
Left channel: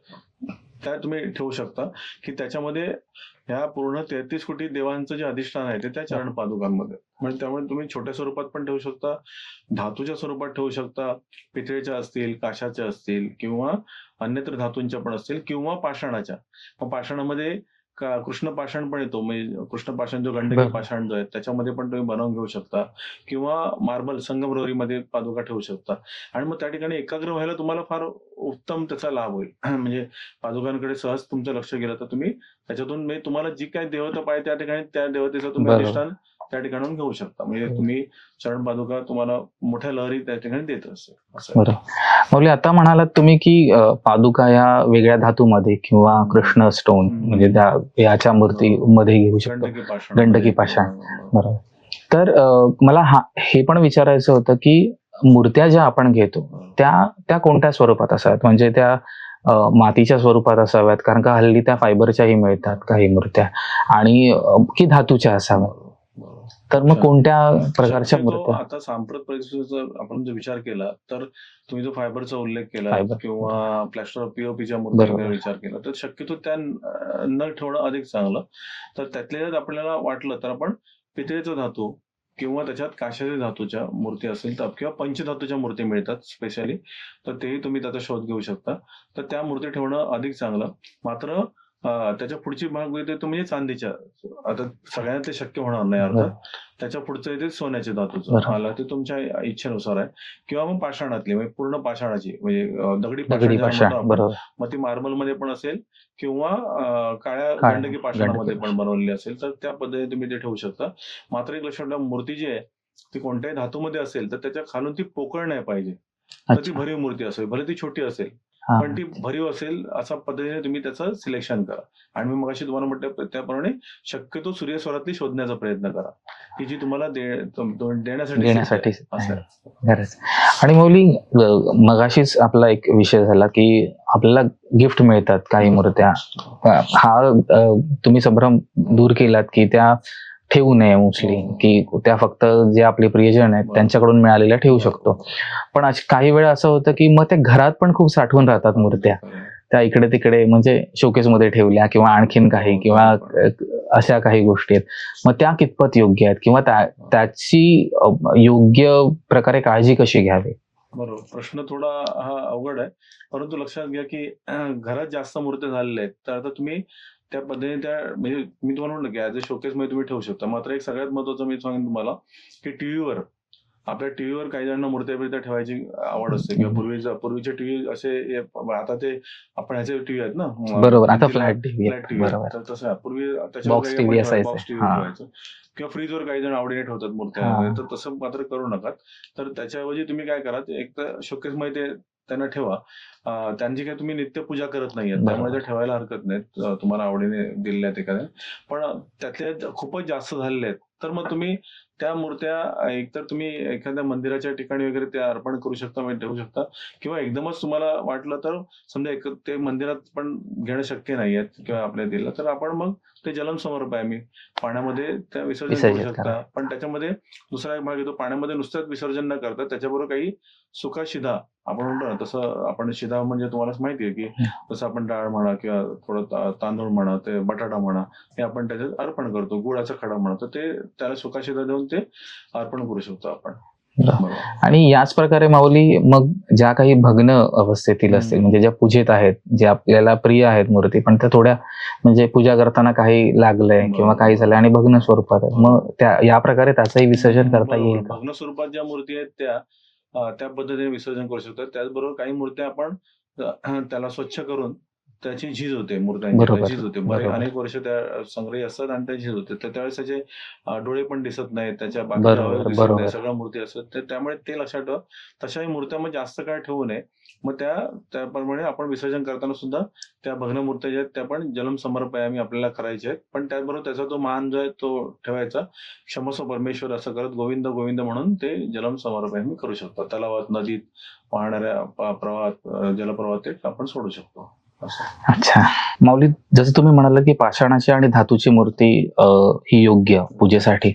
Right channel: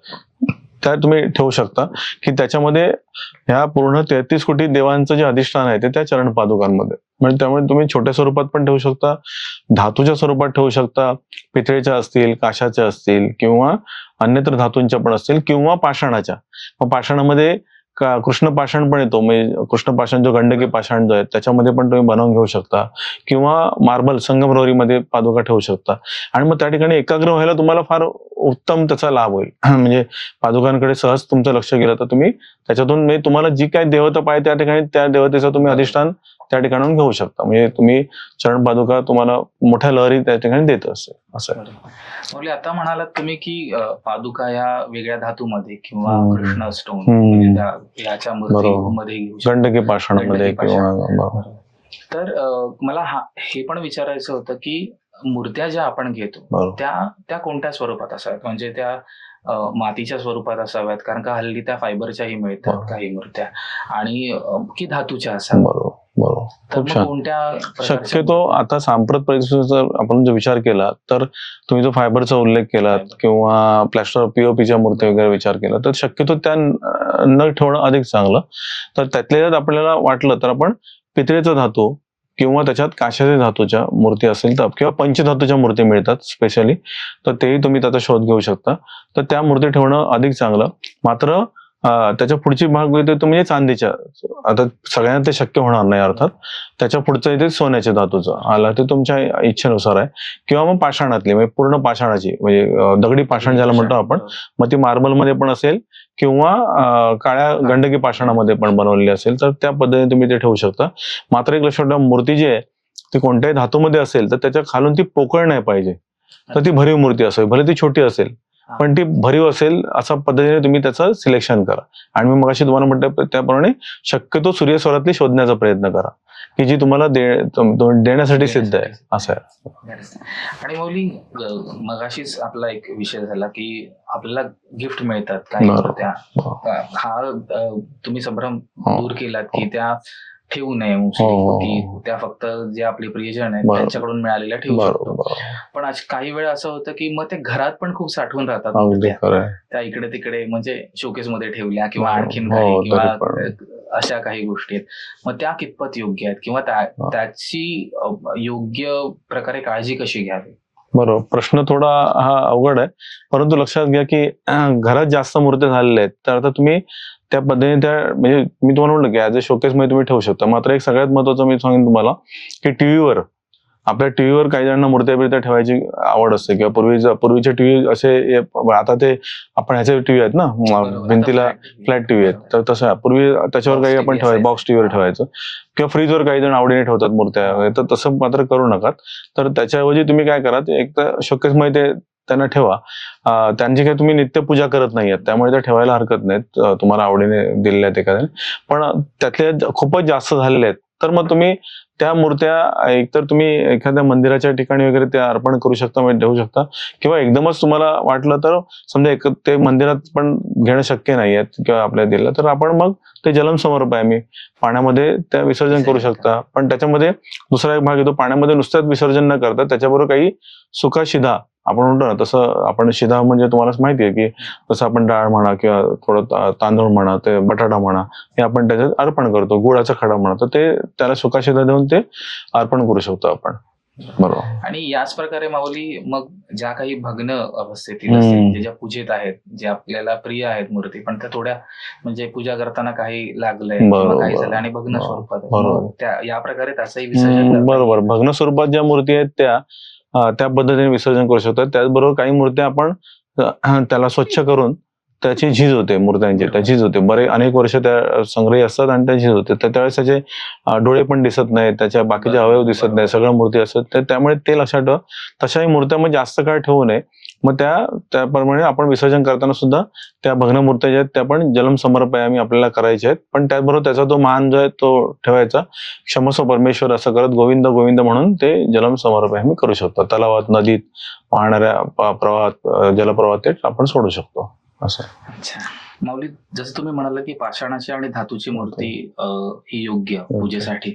त्या तुम्ही ठेवू शकता की त्याच्यामध्ये ह्या पूर्ण 33 कोटी देवांचं जे अधिष्ठान आहे ते त्या चरण पादुकांमध्ये. म्हणजे त्यामुळे तुम्ही छोट्या स्वरूपात पण ठेवू शकता, धातूच्या स्वरूपात ठेवू शकता, पितळेच्या असतील, काशाच्या असतील किंवा अन्यत्र धातूंच्या पण असतील किंवा पाषाणाच्या. मग पाषाणामध्ये कृष्ण पाषाण पण येतो, म्हणजे कृष्ण पाषाण जो गंडकी पाषाण जो आहे त्याच्यामध्ये पण तुम्ही बनवून घेऊ शकता किंवा मार्बल संगमरवरीमध्ये पादुका ठेवू शकता. आणि मग त्या ठिकाणी एकाग्र व्हायला तुम्हाला फार उत्तम त्याचा लाभ होईल. म्हणजे पादुकांकडे सहज तुमचं लक्ष गेलं तर तुम्ही त्याच्यातून म्हणजे तुम्हाला जी काही देवता पाहिजे त्या ठिकाणी त्या देवतेचं तुम्ही अधिष्ठान त्या ठिकाणून घेऊ शकता. म्हणजे तुम्ही चरण पादुका तुम्हाला मोठ्या लहरी त्या ठिकाणी देत असते असं. माऊली, आता म्हणालात तुम्ही की पादुका या वेगळ्या धातूमध्ये किंवा कृष्ण स्टोन म्हणजे याच्या मूर्तीमध्ये घेऊ शकतो, गंडकी पाषाण. तर मला हे पण विचारायचं होतं की मूर्त्या ज्या आपण घेतो त्या कोणत्या स्वरूपात असाव्यात? म्हणजे त्या मातीच्या स्वरूपात असाव्यात, कारण का हल्ली त्या फायबरच्याही मिळतात काही मूर्त्या, आणि की धातूच्या असाव्यात? बरोबर. तर मग कोणत्या प्रकारच्या? शक्यतो आता सांप्रत परिस्थितीचा आपण जो विचार केला तर तुम्ही जो फायबरचा उल्लेख केला किंवा प्लॅस्टर पीओपीच्या मूर्ती वगैरे विचार केला तर शक्यतो त्या न ठेवणं अधिक चांगलं. तर त्यातल्या आपल्याला वाटलं तर आपण पितळेचा धातू किंवा त्याच्यात काशाच्या धातूच्या मूर्ती असेल तर किंवा पंचधातूच्या मूर्ती मिळतात स्पेशली, तर तेही तुम्ही त्याचा शोध घेऊ शकता. तर त्या मूर्ती ठेवणं अधिक चांगलं. मात्र त्याच्या पुढची भाग येतो म्हणजे चांदीच्या, आता सगळ्यांना ते शक्य होणार नाही अर्थात. त्याच्या पुढचं येते सोन्याच्या धातूचं, आला ते तुमच्या इच्छेनुसार आहे. किंवा मग पाषाणातली म्हणजे पूर्ण पाषाणाची म्हणजे दगडी पाषाण ज्याला म्हणतो आपण, मग ती मार्बल मध्ये पण असेल किंवा काळ्या गंडकी पाषाणामध्ये पण बनवलेली असेल तर त्या पद्धतीने तुम्ही ते ठेवू शकता. मात्र एक लक्षात ठेवा, मूर्ती जी आहे ती कोणत्याही धातूमध्ये असेल तर त्याच्या खालून ती पोकळ नाही पाहिजे. तर ती भरीव मूर्ती असेल, भले ती छोटी असेल पण ती भरीव असेल अशा पद्धतीने तुम्ही त्याचं सिलेक्शन करा. आणि मी मगाशी तुम्हाला म्हटलं त्याप्रमाणे शक्यतो सूर्यस्वरातली शोधण्याचा प्रयत्न करा की जी तुम्हाला देण्यासाठी सिद्ध आहे असं आहे. आणि माऊली, मगाशीच आपला एक विषय झाला की आपल्याला गिफ्ट मिळतात काही मूर्त्या, हा तुम्ही संभ्रम दूर केलात की त्या ठेवू नये मोस्टली, हो. की त्या फक्त जे आपले प्रियजन आहेत बरोबर. त्यांच्याकडून मिळालेल्या ठेवू शकतो. बरोबर. पण काही वेळा असं होतं की मग ते घरात पण खूप साठवून राहतात अगदी मूर्त्या, खरं आहे. त्या इकडे तिकडे म्हणजे शोकेस मध्ये ठेवल्या किंवा आणखीन काही हो, किंवा तरी पण. अशा काही गोष्टी आहेत. मग त्या कितपत योग्य आहेत किंवा त्याची योग्य प्रकारे काळजी कशी घ्यावी? बरोबर, प्रश्न थोडा हा अवघड आहे, परंतु लक्षात घ्या की घरात जास्त मूर्त्या झालेल्या आहेत तर आता तुम्ही त्या पद्धतीने त्या म्हणजे मी तुम्हाला म्हटलं की ऍज अ शोकेस मध्ये तुम्ही ठेवू शकता. मात्र एक सगळ्यात महत्वाचं मी सांगेन तुम्हाला की टीव्हीवर आपल्या टीव्हीवर काही जणांना मूर्त्या बिर्त्या ठेवायची आवड असते किंवा पूर्वीचे टीव्ही असे आता ते आपण ह्याचे टीव्ही आहेत ना बरोबर, आता भिंतीला flat TV फ्लॅट टीव्ही आहेत, बरोबर. तर तसं पूर्वी त्याच्यावर Box काही TV आपण ठेवायचं असायचं. बॉक्स टीव्हीवर हा. ठेवायचं किंवा फ्रीजवर काही जण आवडीने ठेवतात मूर्त्या हा. तर तसं मात्र करू नका. तर त्याच्याऐवजी तुम्ही काय करा, ते एक तर शोकेस मध्ये ते त्यांना ठेवा. त्यांची काही तुम्ही नित्य पूजा करत नाहीयेत त्यामुळे त्या ठेवायला हरकत नाहीत, तुम्हाला आवडीने दिलेल्या आहेत एखाद्याने. पण त्यातले खूपच जास्त झालेले आहेत तर मग तुम्ही त्या मूर्त्या एकतर तुम्ही एखाद्या मंदिराच्या ठिकाणी वगैरे त्या अर्पण करू शकता, म्हणजे ठेवू शकता, किंवा एकदमच तुम्हाला वाटलं तर समजा ते मंदिरात पण घेणं शक्य नाहीये किंवा आपल्या दिलं तर आपण मग ते जलम समर्प आहे, आम्ही पाण्यामध्ये त्या विसर्जन करू शकता. पण त्याच्यामध्ये दुसरा एक भाग येतो, पाण्यामध्ये नुसत्याच विसर्जन न करता त्याच्याबरोबर काही सुका शिधा आपण म्हणतो ना, तसं आपण शिधा म्हणजे तुम्हाला माहिती आहे की जसं आपण डाळ म्हणा किंवा थोडं तांदूळ म्हणा, ते बटाटा म्हणा, हे आपण त्याच्यात अर्पण करतो, गुळाचा खडा म्हणा, तर ते त्याला सुका शिधा देऊन ते अर्पण करू शकतो आपण. बरोबर. आणि याच प्रकारे माऊली मग ज्या काही भग्न अवस्थेतील असतील म्हणजे ज्या पूजेत आहेत, जे आपल्याला प्रिय आहेत मूर्ती, पण त्या थोड्या म्हणजे पूजा करताना काही लागलंय किंवा काही झालं आणि भग्न स्वरूपात आहे, मग या प्रकारे त्याचंही विसर्जन करता बरोबर, येईल. भग्न स्वरूपात ज्या मूर्ती आहेत त्या पद्धतीने विसर्जन करू शकतात. त्याचबरोबर काही मूर्त्या आपण त्याला स्वच्छ करून त्याची झीज होते मूर्त्यांची, त्या झीज होते, अनेक वर्ष त्या संग्रही असतात आणि त्या झीज होते, तर त्यावेळेस त्याचे डोळे पण दिसत नाहीत, त्याच्या बाकीचे अवयव दिसत नाही, सगळ्या मूर्ती असतात, तर त्यामुळे ते लक्षात ठेवा. तशाही मूर्त्या मग जास्त काळ ठेवू नये. मग त्याप्रमाणे आपण विसर्जन करताना सुद्धा त्या भग्न मूर्त्या ज्या आहेत त्या पण जलम समर्पयामी आपल्याला करायच्या आहेत, पण त्याचबरोबर त्याचा तो मान जो आहे तो ठेवायचा, क्षमस्व परमेश्वर असं करत गोविंद गोविंद म्हणून ते जलम समर्पयामी करू शकतो. तलावात, नदीत वाहणाऱ्या प्रवाहात, जलप्रवाहात ते आपण सोडू शकतो असं. अच्छा माऊली, जसं तुम्ही म्हणाला की पाषाणाची आणि धातूची मूर्ती ही योग्य पूजेसाठी,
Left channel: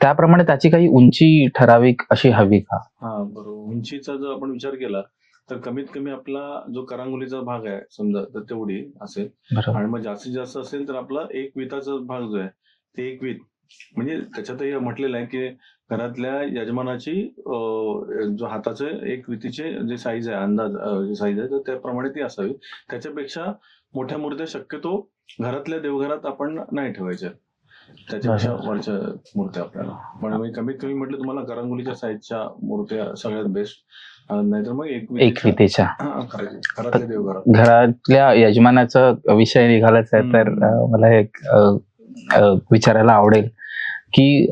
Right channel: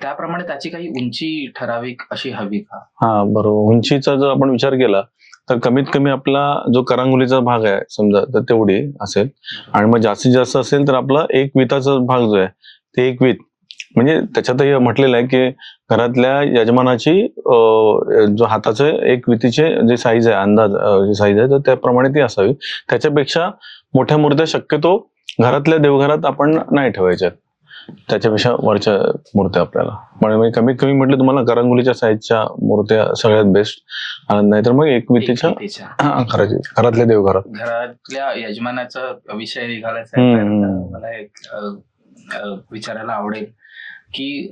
त्याप्रमाणे त्याची काही उंची ठराविक अशी हवी का? हा बरोबर, उंचीचा जर आपण विचार केला तर कमीत कमी आपला जो करंगुलीचा भाग आहे समजा तर तेवढी असेल, आणि मग जास्तीत जास्त असेल तर आपला एक विताचा भाग जो आहे ते एक वीत, म्हणजे त्याच्यातही म्हटलेलं आहे की घरातल्या यजमानाची जो हाताचे एक वितीचे जे साईज आहे, अंदाज जे साईज आहे, तर त्याप्रमाणे ती असावी. त्याच्यापेक्षा मोठ्या मूर्त्या शक्यतो घरातल्या देवघरात आपण नाही ठेवायच्या, त्याच्यापेक्षा वरच्या मूर्त्या आपल्याला. म्हणजे कमीत कमी म्हटलं तुम्हाला करंगुलीच्या साईजच्या मूर्त्या सगळ्यात बेस्ट, नाहीतर मग एक वितीच्या घरातल्या देवघरात. घरातल्या यजमानाचा विषय निघालाच आहे, तर मला एक विचारायला आवडेल की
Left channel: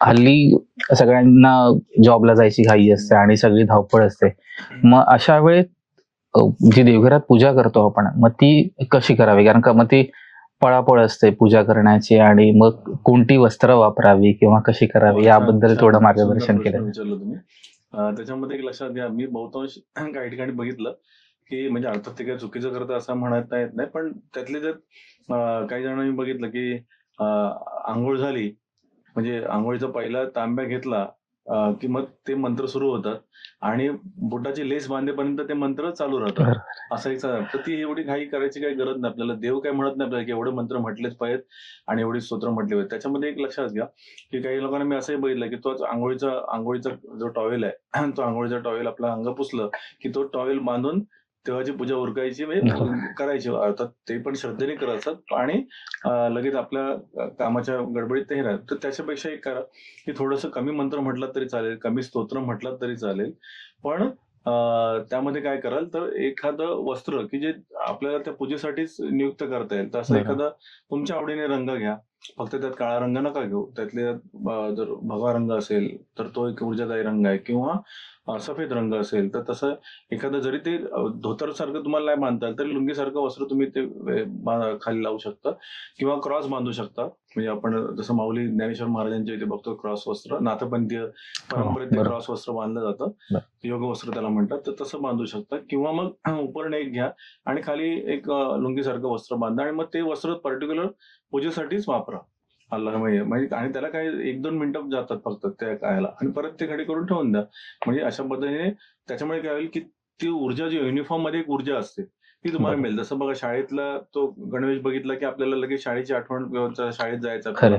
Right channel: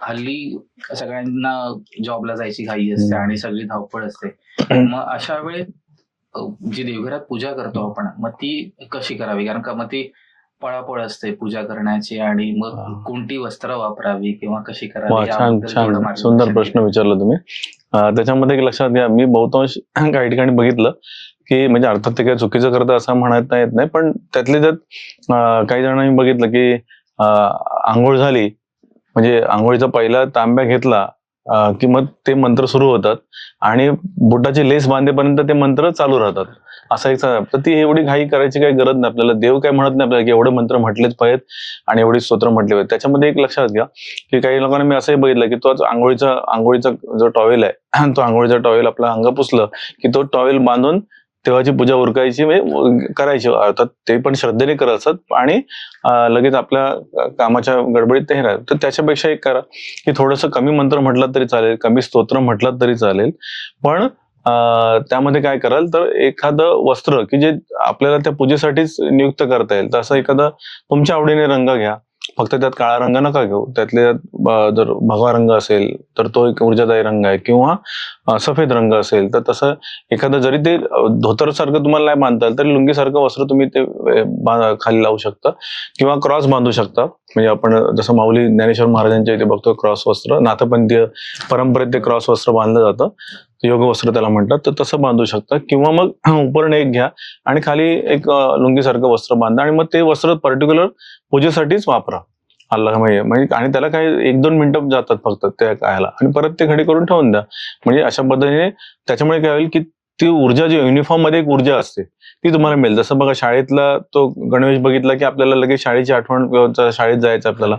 हल्ली सगळ्यांना जॉबला जायची घाई असते आणि सगळी धावपळ असते, मग अशा वेळेत जी देवघरात पूजा करतो आपण मग ती कशी करावी? कारण का मग ती पळापळ असते पूजा करण्याची, आणि मग कोणती वस्त्र वापरावी किंवा कशी करावी याबद्दल थोडं मार्गदर्शन. सुंदर प्रश्न विचारला तुम्ही. त्याच्यामध्ये एक लक्षात घ्या, मी बहुतांश काही ठिकाणी बघितलं की म्हणजे अर्थात ते काही चुकीचं करतं असं म्हणता येत नाही, पण त्यातले त्यात काही जणांनी बघितलं की आंघोळ झाली म्हणजे आंघोळीचा पहिला तांब्या घेतला की मग ते मंत्र सुरू होतात आणि बुटाची लेस बांधेपर्यंत ते मंत्र चालू राहतात, असा एक. तर ती एवढी घाई करायची काही गरज नाही आपल्याला. देव काय म्हणत नाही आपल्याला की एवढे मंत्र म्हटलेच पाहिजेत आणि एवढी स्तोत्र म्हटले पाहिजे. त्याच्यामध्ये एक लक्षात घ्या की काही लोकांना मी असंही बघितलं की तो आंघोळीचा जो टॉवेल आहे तो आंघोळीचा टॉवेल आपला अंग पुसलं की तो टॉवेल बांधून तेव्हाची पूजा उरकायची, म्हणजे करायची. अर्थात ते पण श्रद्धेने करत असतात आणि लगेच आपल्या कामाच्या गडबडीत ते राहत. तर त्याच्यापेक्षा एक करा की थोडंसं कमी मंत्र म्हटलं तरी चालेल, कमी स्तोत्र म्हटलं तरी चालेल, पण त्यामध्ये काय कराल तर एखादं वस्त्र की जे आपल्याला त्या पूजेसाठीच नियुक्त करता येईल, तर असं एखादं तुमच्या आवडीने रंग घ्या. फक्त त्यात काळा रंग नका घेऊ, त्यातले जर भगवा रंग असेल तर तो एक ऊर्जादायी रंग आहे, किंवा सफेद रंग असेल तर तसं एखादं, जरी ते धोतर सारखं तुम्हाला नाही बांधता आलं तरी लुंगीसारखं वस्त्र तुम्ही ते खाली लावू शकता किंवा क्रॉस बांधू शकता. म्हणजे आपण जसं माऊली ज्ञानेश्वर महाराजांच्या इथे बघतो क्रॉस वस्त्र, नाथपंथीय परंपरेत ते क्रॉस वस्त्र बांधलं जातं, योग वस्त्र त्याला म्हणतात, तर तसं बांधू शकता. किंवा मग उपरण एक घ्या आणि खाली एक लुंगीसारखं वस्त्र बांधा आणि मग ते वस्त्र पर्टिक्युलर पूजेसाठीच वापरा. अल्लाह माहिती म्हणजे आणि त्याला काही 1-2 मिनिटं जातात फक्त त्या कायला आणि परत ते खडी करून ठेवून द्या. म्हणजे अशा पद्धतीने त्याच्यामुळे काय होईल की ती ऊर्जा जी युनिफॉर्म मध्ये एक ऊर्जा असते ती तुम्हाला मिळेल. जसं बघा शाळेतला तो गणवेश बघितला की आपल्याला लगेच शाळेची आठवण शाळेत जायचं आपल्याला.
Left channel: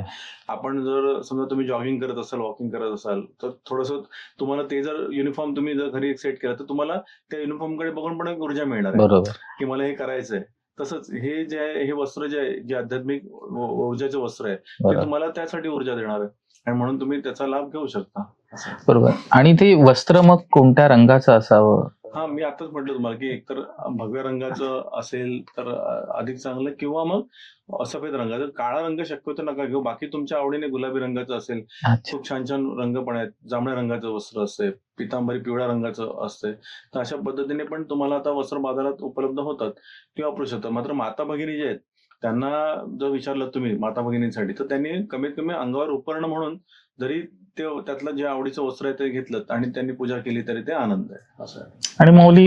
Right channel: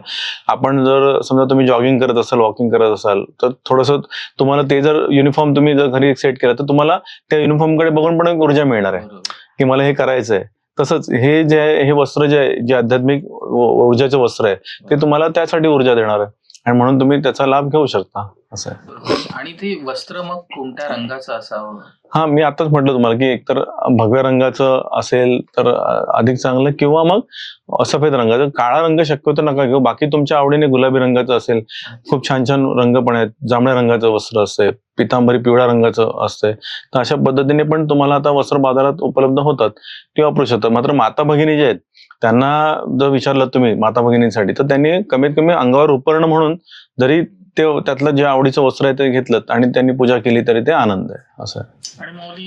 आपण जर समजा तुम्ही जॉगिंग करत असाल वॉकिंग करत असाल तर थोडंसं तुम्हाला ते जर युनिफॉर्म तुम्ही जर घरी सेट केला तर तुम्हाला त्या युनिफॉर्म कडे बघून पण एक ऊर्जा मिळणार आहे बरोबर. की मला हे करायचंय. तसंच हे जे आहे हे वस्त्र जे आहे जे आध्यात्मिक ऊर्जाचे वस्त्र आहे ते बरोबर. तुम्हाला त्यासाठी ऊर्जा देणार आहे आणि म्हणून तुम्ही त्याचा लाभ घेऊ शकता असं. बरोबर. आणि ते वस्त्र मग कोणत्या रंगाचं असावं? हा मी आताच म्हटलं तुम्हाला की एकतर भगव्या रंगाचं असेल तर अधिक चांगलं किंवा मग सफेद रंगाचं. काळा रंग शक्यतो नका घेऊ. बाकी तुमच्या आवडीने गुलाबी रंगाचं असेल. अच्छा. खूप छान छान रंग पण आहेत. जांभळ्या रंगाचं वस्त्र असते, पितांबरी पिवळ्या रंगाचं असते. तर अशा पद्धतीने पण तुम्हाला आता वस्त्र बाजारात उपलब्ध होतात ते वापरू शकतात. मात्र माता भगिनी जे आहेत त्यांना जर विचारलं तुम्ही माता भगिनींसाठी तर त्यांनी कमीत कमी अंगावर उपरणं म्हणून जरी ते त्यातलं जे आवडीचं वस्त्र आहे ते घेतलं आणि त्यांनी पूजा केली तरी ते आनंद आहे असं आहे. आणि माऊली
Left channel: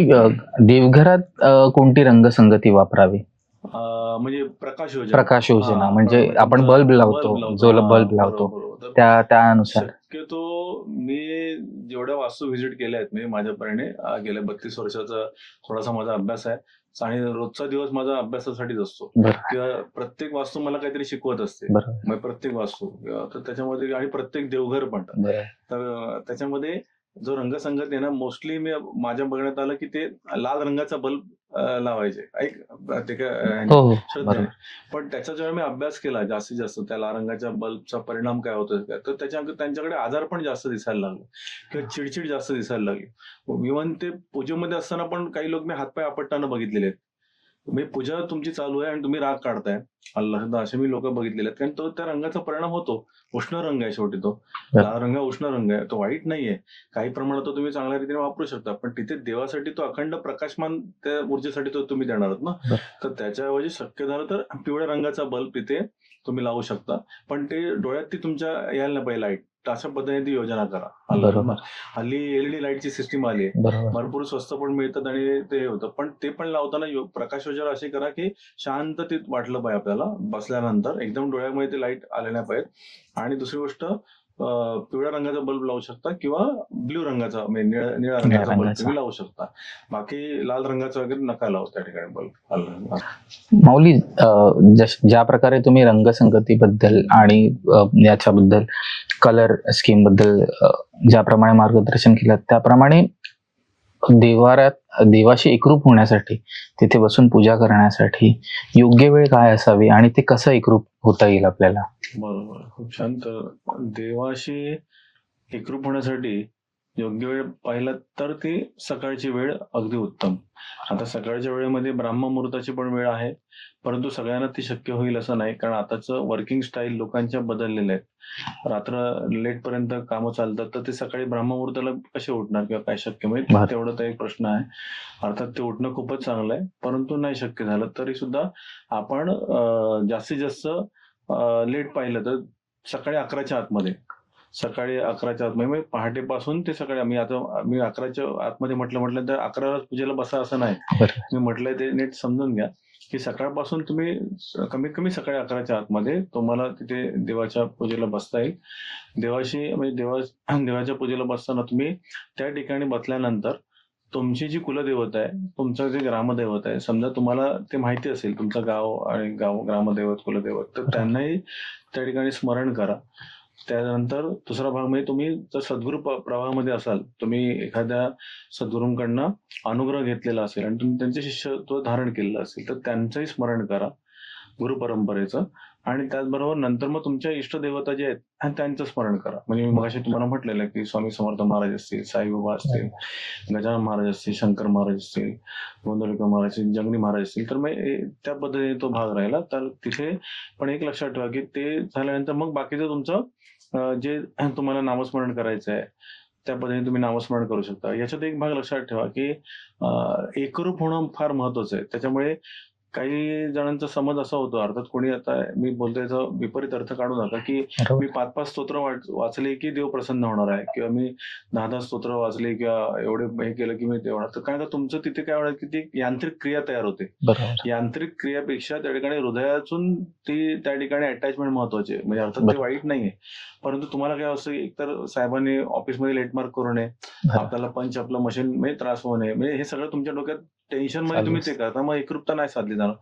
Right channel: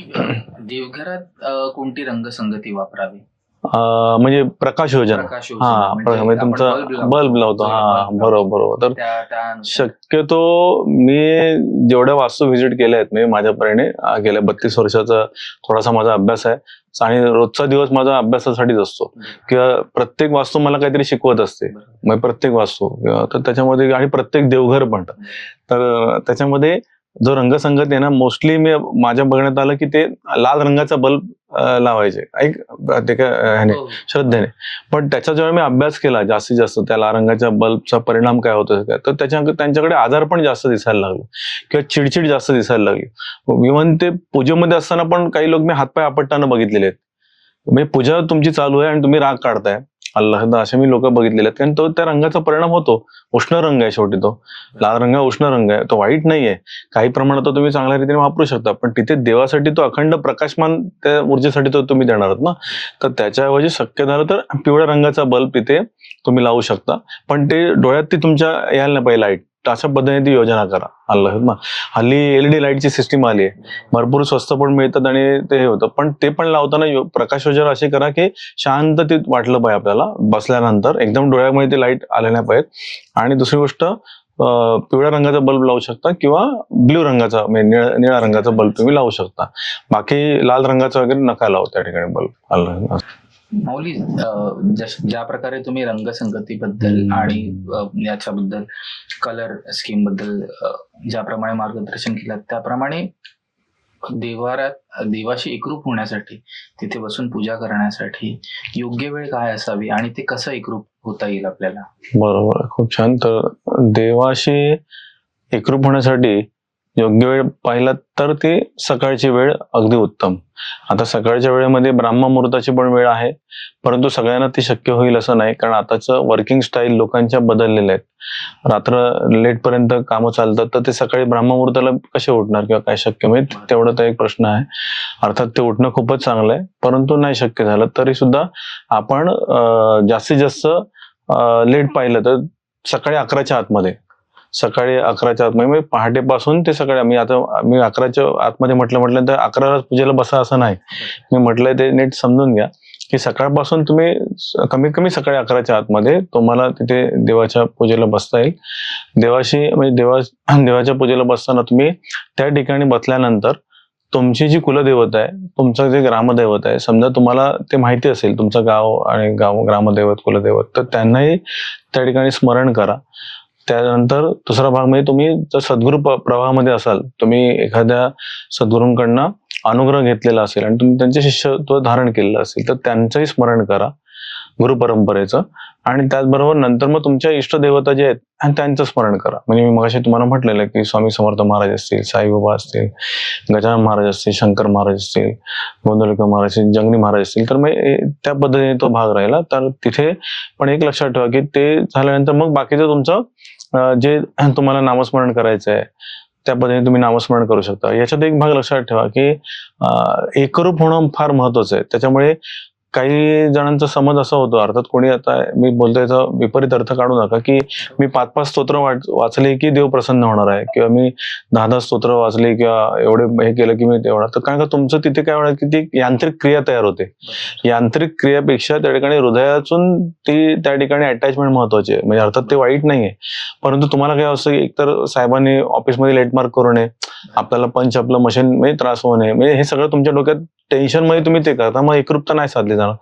देवघरात कोणती रंगसंगती वापरावी? म्हणजे प्रकाश योजना. प्रकाश योजना हा, म्हणजे म्हणजे आपण तुमचा बल्ब लावतो. बल्ब लावतो. जो हा, बल्ब लावतो. बरोबर. तर त्यानुसार शक्यतो मी जेवढ्या वास्तू व्हिजिट केल्या आहेत मी माझ्यापरीने गेल्या 32 वर्षाचा थोडासा माझा अभ्यास आहे आणि रोजचा दिवस माझा अभ्यासासाठीच असतो बरोबर. किंवा प्रत्येक वास्तू मला काहीतरी शिकवत असते. बरोबर. मग प्रत्येक वास्तू तर त्याच्यामध्ये आणि प्रत्येक देवघर पण बरोबर. तर त्याच्यामध्ये जो रंगसंगत आहे ना मोस्टली मी माझ्या बघण्यात आलं की ते लाल रंगाचा बल्ब लावायचे ऐक ते काय ह्याने, हो, हो. श्रद्धेने. पण त्याचा जेव्हा मी अभ्यास केला जास्तीत जास्त त्या लाल रंगाच्या बल्बचा परिणाम काय होतो तर त्यांच्याकडे आजार पण जास्त दिसायला लागले किंवा चिडचिड जास्त दिसायला लागली. इव्हन ते पूजेमध्ये असताना पण काही लोक मी हातपाय आपटताना बघितलेले आहेत. म्हणजे पूजा तुमची चालू आहे आणि तुम्ही राग काढताय अल्लाह असे मी लोक बघितलेले आहेत कारण तो त्या रंगाचा परिणाम होतो. उष्ण रंग आहे शेवटी तो लाल रंग उष्ण रंग आहे तो वाईट नाहीये. काही प्रमाणात तो तुम्ही चांगल्या रीतीने वापरू शकता पण तिथे देवासाठी तो अखंड प्रकाशमान त्या ऊर्जेसाठी तो तुम्ही देणार आहात ना. तर त्याच्याऐवजी शक्य झालं तर पिवळ्या रंगाचा बल्ब तिथे तुम्ही लावू शकता पण ते डोळ्यात ती तुमच्या यायला नाही पाहिजे लाईट. अशा पद्धतीने ती योजना करा. अल्लाह हल्ली एलईडी लाईटची सिस्टीम आली आहे. बरोबर. भरपूर स्वस्त पण मिळतात आणि ते हे होतं पण ते पण लावताना प्रकाश योजना अशी करा की शांत ते वाटलं पाहिजे आपल्याला बसल्यानंतर एकदम डोळ्यामध्ये ते लाईट आले नाही पाहिजेत. आणि दुसरी गोष्ट पिवळ्या रंगाचा बल्ब लावू शकता किंवा ब्ल्यू रंगाचा म्हणजे निळ्या रंगाचा बल्ब तुम्ही लावू शकता. बाकी लाल रंगाचा वगैरे नका लावू त्या ठिकाणी बल्ब. अल्लाह. माऊली ज्या प्रकारे तुम्ही रंगसंगतीबद्दल आणि याच्याबद्दल कलर स्कीम बद्दल ज्याप्रमाणे मार्गदर्शन केलं त्याप्रमाणे देवाशी एकरूप होण्यासाठी तिथे बसून पूजा करण्यासाठी योग्य वेळ काय असावी आणि ते कसं एकरूप होता येईल आपल्याला? बरोबर खूप छान. तर देवाशी एकरूप होण्यासाठी योग्य वेळ पाहिला तर ती सकाळची वेळ अगदी उत्तम. आता सकाळच्या वेळेमध्ये ब्राह्ममुहूर्ताची पण वेळ आहे परंतु सगळ्यांना ती शक्य होईल असं नाही कारण आताचं वर्किंग स्टाईल लोकांच्या बदललेल्या आहेत. रात्र लेट पर्यंत कामं चालतात तर ते सकाळी ब्राह्ममुहूर्ताला कसे उठणार किंवा काय शक्य म्हणजे तेवढा तर एक प्रश्न आहे. अर्थात ते उठणं खूपच चांगलं आहे परंतु नाही शक्य झालं तरी सुद्धा आपण जास्तीत जास्त लेट पाहिलं तर सकाळी 11च्या आतमध्ये म्हणजे पहाटेपासून ते सकाळी मी 11च्या आतमध्ये म्हटलं तर 11ला पूजेला बसा असं नाही. मी म्हटलंय ते नीट समजून घ्या की सकाळपासून तुम्ही कमीत कमी सकाळी 11च्या आतमध्ये तुम्हाला तिथे देवाच्या पूजेला बसता येईल. देवाशी म्हणजे देवाच्या पूजेला बसताना तुम्ही त्या ठिकाणी बसल्यानंतर तुमची जी कुलदेवत आहे तुमचं जे ग्रामदैवत आहे समजा तुम्हाला ते माहिती असेल तुमचं गाव आणि ग्रामदैवत कुलदैवत तर त्यांनाही त्या ठिकाणी स्मरण करा. त्यानंतर दुसरा भाग म्हणजे तुम्ही जर सद्गुरू प्रवाहामध्ये असाल तुम्ही एखाद्या सद्गुरूंकडनं अनुग्रह घेतलेला असेल आणि तुम्ही त्यांचे शिष्यत्व धारण केलेलं असेल तर त्यांचंही स्मरण करा गुरु परंपरेचं. आणि त्याचबरोबर नंतर मग तुमच्या इष्टदेवता जे आहेत आणि त्यांचं स्मरण करा. म्हणजे मी मगाशी तुम्हाला म्हटलेलं की स्वामी समर्थ महाराज असतील साईबाबा असतील गजानन महाराज असतील शंकर महाराज असतील गोंदवलेकर महाराज असतील जंगली महाराज असतील तर मग त्या पद्धतीने तो भाग राहिला. तर तिथे पण एक लक्षात ठेवा की ते झाल्यानंतर मग बाकीचं तुमचं जे तुम्हाला नामस्मरण करायचं आहे त्या पद्धतीने तुम्ही नामस्मरण करू शकता. याच्यात एक भाग लक्षात ठेवा की एकरूप होणं फार महत्वाचं आहे. त्याच्यामुळे काही जणांचा समज असा होतो, अर्थात कोणी आता मी बोलतोय याचा विपरीत अर्थ काढू नका, की मी 5-5 स्तोत्र वाचले की देव प्रसन्न होणार आहे, किंवा मी 10-10 स्तोत्र वाचले किंवा एवढे हे केलं की मी तेवढा. तर कारण का तुमचं तिथे काय होणार की ती यांत्रिक क्रिया तयार होते. यांत्रिक क्रियापेक्षा त्या ठिकाणी हृदयातून ती त्या ठिकाणी अटॅचमेंट महत्वाची आहे. म्हणजे अर्थात ते वाईट नाहीये, परंतु तुम्हाला काय असं एकतर साहेबांनी ऑफिसमध्ये लेट मार्क करू नये, आपल्याला पंच आपलं मशीन म्हणजे त्रास होऊ नये, म्हणजे हे सगळं तुमच्या डोक्यात टेन्शन मध्ये तुम्ही ते करता, मग एकरूपता नाही साधली जाणार.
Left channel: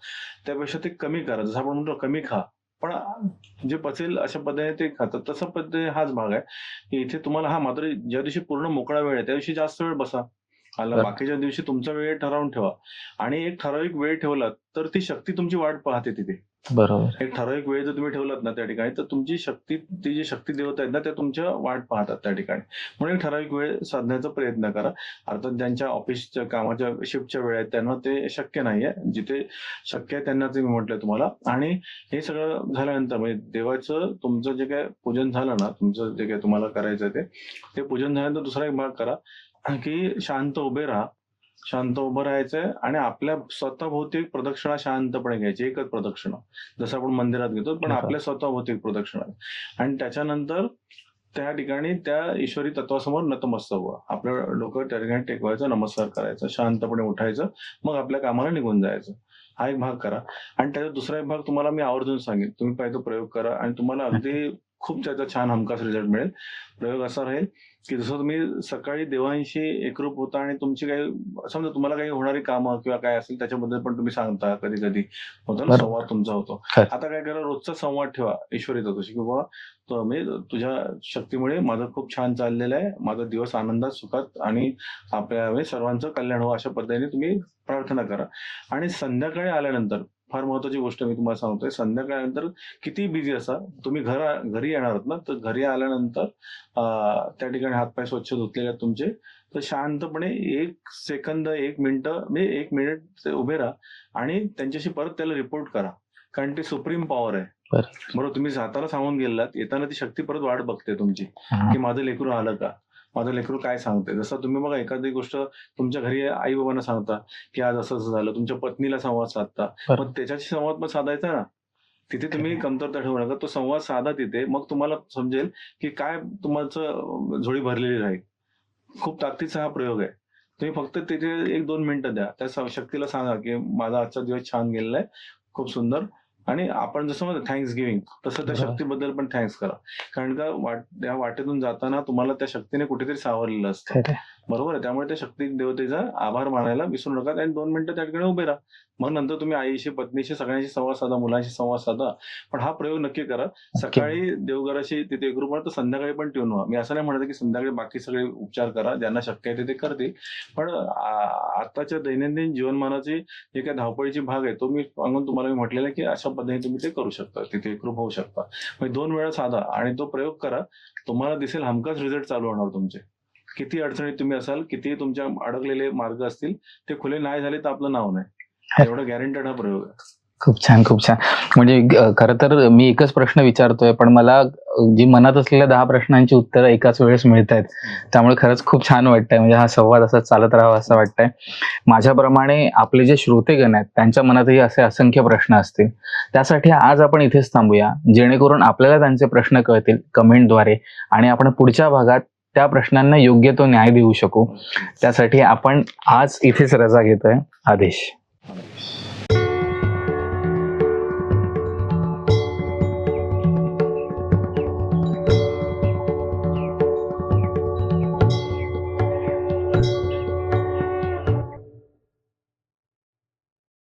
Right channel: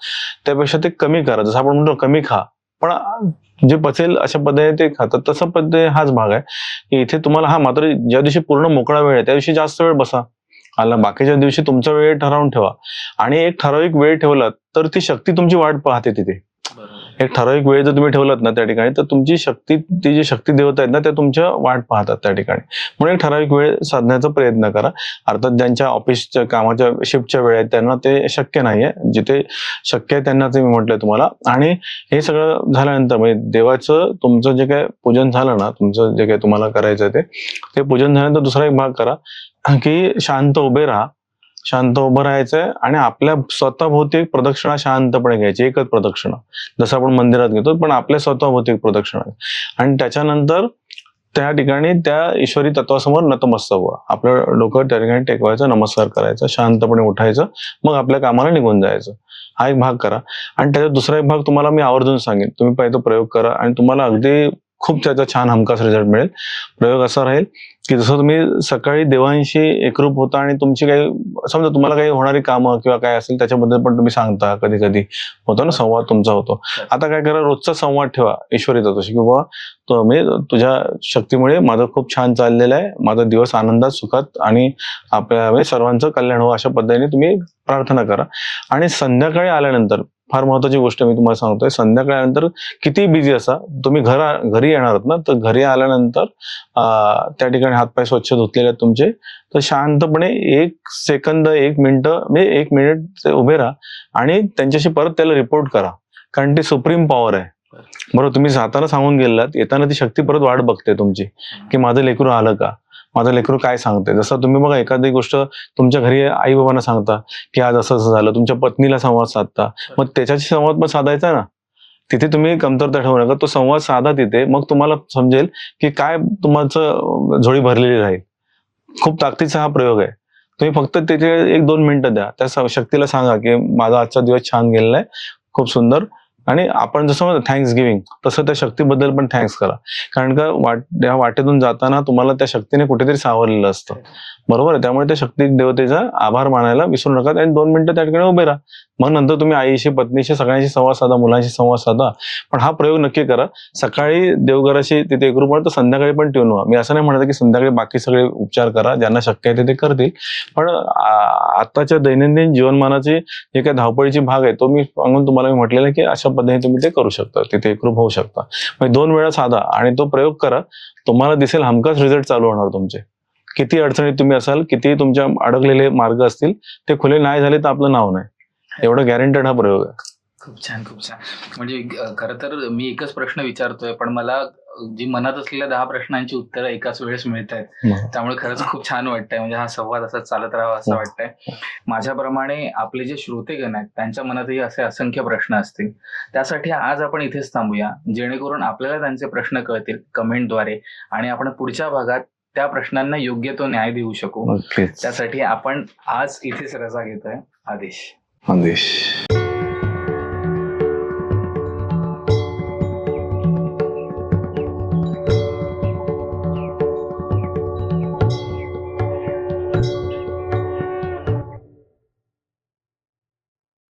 त्यापेक्षा ते कमी करा. जसं आपण म्हणतो कमी खा, पण जे पचेल अशा पद्धतीने ते खातात. तसा पद्धती हाच भाग आहे की इथे तुम्हाला मात्र ज्या दिवशी पूर्ण मोकळा वेळ आहे त्या दिवशी जास्त वेळ बसा. बाकीच्या दिवशी तुमचा वेळ ठरवून ठेवा, आणि एक ठराविक वेळ ठेवलात तर ती शक्ती तुमची वाट पाहते तिथे. बरोबर. एक ठराविक वेळ जर तुम्ही ठेवलात ना त्या ठिकाणी, तर तुमची शक्ती, ती जी शक्ती देवता आहेत ना, त्या तुमच्या वाट पाहतात त्या ठिकाणी. म्हणून एक ठराविक वेळ साधण्याचा प्रयत्न करा. अर्थात ज्यांच्या ऑफिसच्या कामाच्या शिफ्टच्या वेळ आहेत त्यांना ते शक्य नाहीये, जिथे शक्य आहे त्यांनाच मी म्हटलंय तुम्हाला. आणि हे सगळं झाल्यानंतर म्हणजे देवाचं तुमचं जे काय पूजन झालं ना, तुमचं जे काय तुम्हाला करायचं ते पूजन झाल्यानंतर दुसरा एक भाग करा की शांत उभे राहा. शांत उभं राहायचंय आणि आपल्या स्वतःभोवती एक प्रदक्षिणा शांतपणे घ्यायची, एकच प्रदक्षिणा, जसं आपण मंदिरात घेतो, पण आपल्या स्वतःभोवती एक प्रदक्षिणा. आणि त्याच्यानंतर त्या ठिकाणी त्या ईश्वरी तत्वासमोर नतमस्तक व्हा. आपलं डोकं त्या ठिकाणी टेकवायचं, नमस्कार करायचा, शांतपणे उठायचं, मग आपल्या कामाला निघून जायचं. हा एक भाग करा. आणि त्याचा दुसरा एक भाग तुम्हाला मी आवर्जून सांगेन, तुम्ही पहिले तो प्रयोग करा आणि तुम्हाला अगदी खूप त्याचा छान हमखास रिझल्ट मिळेल. प्रयोग असा राहील की जसं तुम्ही सकाळी देवांशी एकरूप होता आणि तुमची काही समजा तुम्हाला काही होणारी कामं किंवा काय असेल त्याच्याबद्दल पण तुम्ही सांगता, कधी कधी होतो ना संवाद तुमचा होतो. आता काय करा, रोजचा संवाद ठेवा ईश्वरी तत्वाशी, की बाबा मी तुझ्या शक्तीमुळे माझं खूप छान चाललेलं आहे, माझा दिवस आनंदात, सुखात आणि आपल्या सर्वांचं कल्याण हो, अशा पद्धतीने तुम्ही प्रार्थना करा. आणि संध्याकाळी आल्यानंतर फार महत्वाची गोष्ट मी तुम्हाला सांगतोय, संध्याकाळी आल्यानंतर किती बिझी असा, तुम्ही घरी येणार आहात ना, तर घरी आल्यानंतर त्या ठिकाणी हातपाय स्वच्छ धुतलेले आहेत तुमचे, तर शांतपणे 1 सेकंद 1 मिनिट म्हणजे 1 मिनिट उभे राहा आणि त्यांच्याशी परत त्याला रिपोर्ट करा, कारण ती सुप्रीम पॉवर आहे. बरोबर, तुम्ही जाताना सांगून गेलात, येताना ती शक्ती परत वाट बघते तुमची, की माझं लेकरू आलं का, माझं लेकरू काय सांगते. जसं तुम्ही बघा एखादी गोष्ट तुमच्या घरी आई बाबांना सांगता की आज असं असं झालं, तुमच्या पत्नीला संवाद साधता, मग त्याच्याशी संवाद पण साधायचा ना. तिथे तुम्ही कमतरता ठेवू नका, तो संवाद साधा तिथे, मग तुम्हाला समजेल की काय तुमचं झोळी भरलेली राहील. खूप ताकदीचा हा प्रयोग आहे. तुम्ही फक्त तिथे 1-2 मिनिटं द्या, त्या शक्तीला सांगा की माझा आजचा दिवस छान गेलेला आहे, खूप सुंदर. आणि आपण जसं म्हणतो थँक्स गिव्हिंग, तसं त्या शक्तीबद्दल पण थँक्स करा, कारण का या वाटेतून जाताना तुम्हाला त्या शक्तीने कुठेतरी सावरलेलं असतं. बरोबर आहे. त्यामुळे त्या शक्ती देवतेचा आभार मानायला विसरू नका आणि 2 मिनिटं त्या ठिकाणी उभे राहा. मग नंतर तुम्ही आईशी, पत्नीशी, सगळ्यांशी संवाद साधा, मुलांशी संवाद साधा. पण हा प्रयोग नक्की करा. सकाळी देवघराशी तिथे एकरूप, तर संध्याकाळी पण ट्यून व्हा. मी असं नाही म्हणत की संध्याकाळी बाकी सगळे उपचार करा, ज्यांना शक्य आहे ते करतील, पण आताच्या दैनंदिन जीवनमानाची जे काही धावपळीची भाग आहे तो मी सांगून तुम्हाला म्हटलेलं आहे की अशा पद्धतीने तुम्ही ते करू शकता, तिथे एकरूप होऊ शकता. म्हणजे 2 वेळा साधा आणि तो प्रयोग करा, तुम्हाला दिसेल हमखास रिझल्ट चालू होणार तुमचे. किती अडचणीत तुम्ही असाल, किती तुमच्या अडकलेले मार्ग असतील, ते खुले नाही झाले तर आपलं नाव नाही, एवढं गॅरंटेड हा प्रयोग आहे. खूप छान, खूप छान. म्हणजे खरं तर मी एकच प्रश्न विचारतोय, पण मला जी मनात असलेल्या 10 प्रश्नांची उत्तरं एकाच वेळेस मिळत आहेत. त्यामुळे खरंच खूप छान वाटतंय. म्हणजे हा संवाद असा चालत राहावा असं वाटतंय. माझ्याप्रमाणे आपले जे श्रोतेगण आहेत त्यांच्या मनातही असे असंख्य प्रश्न असतील. त्यासाठी आज आपण इथेच थांबूया, जेणेकरून आपल्याला त्यांचे प्रश्न कळतील कमेंटद्वारे आणि आपण पुढच्या भागात त्या प्रश्नांना योग्य तो न्याय देऊ शकू. त्यासाठी आपण आज इथेच रजा घेतोय. आदेश.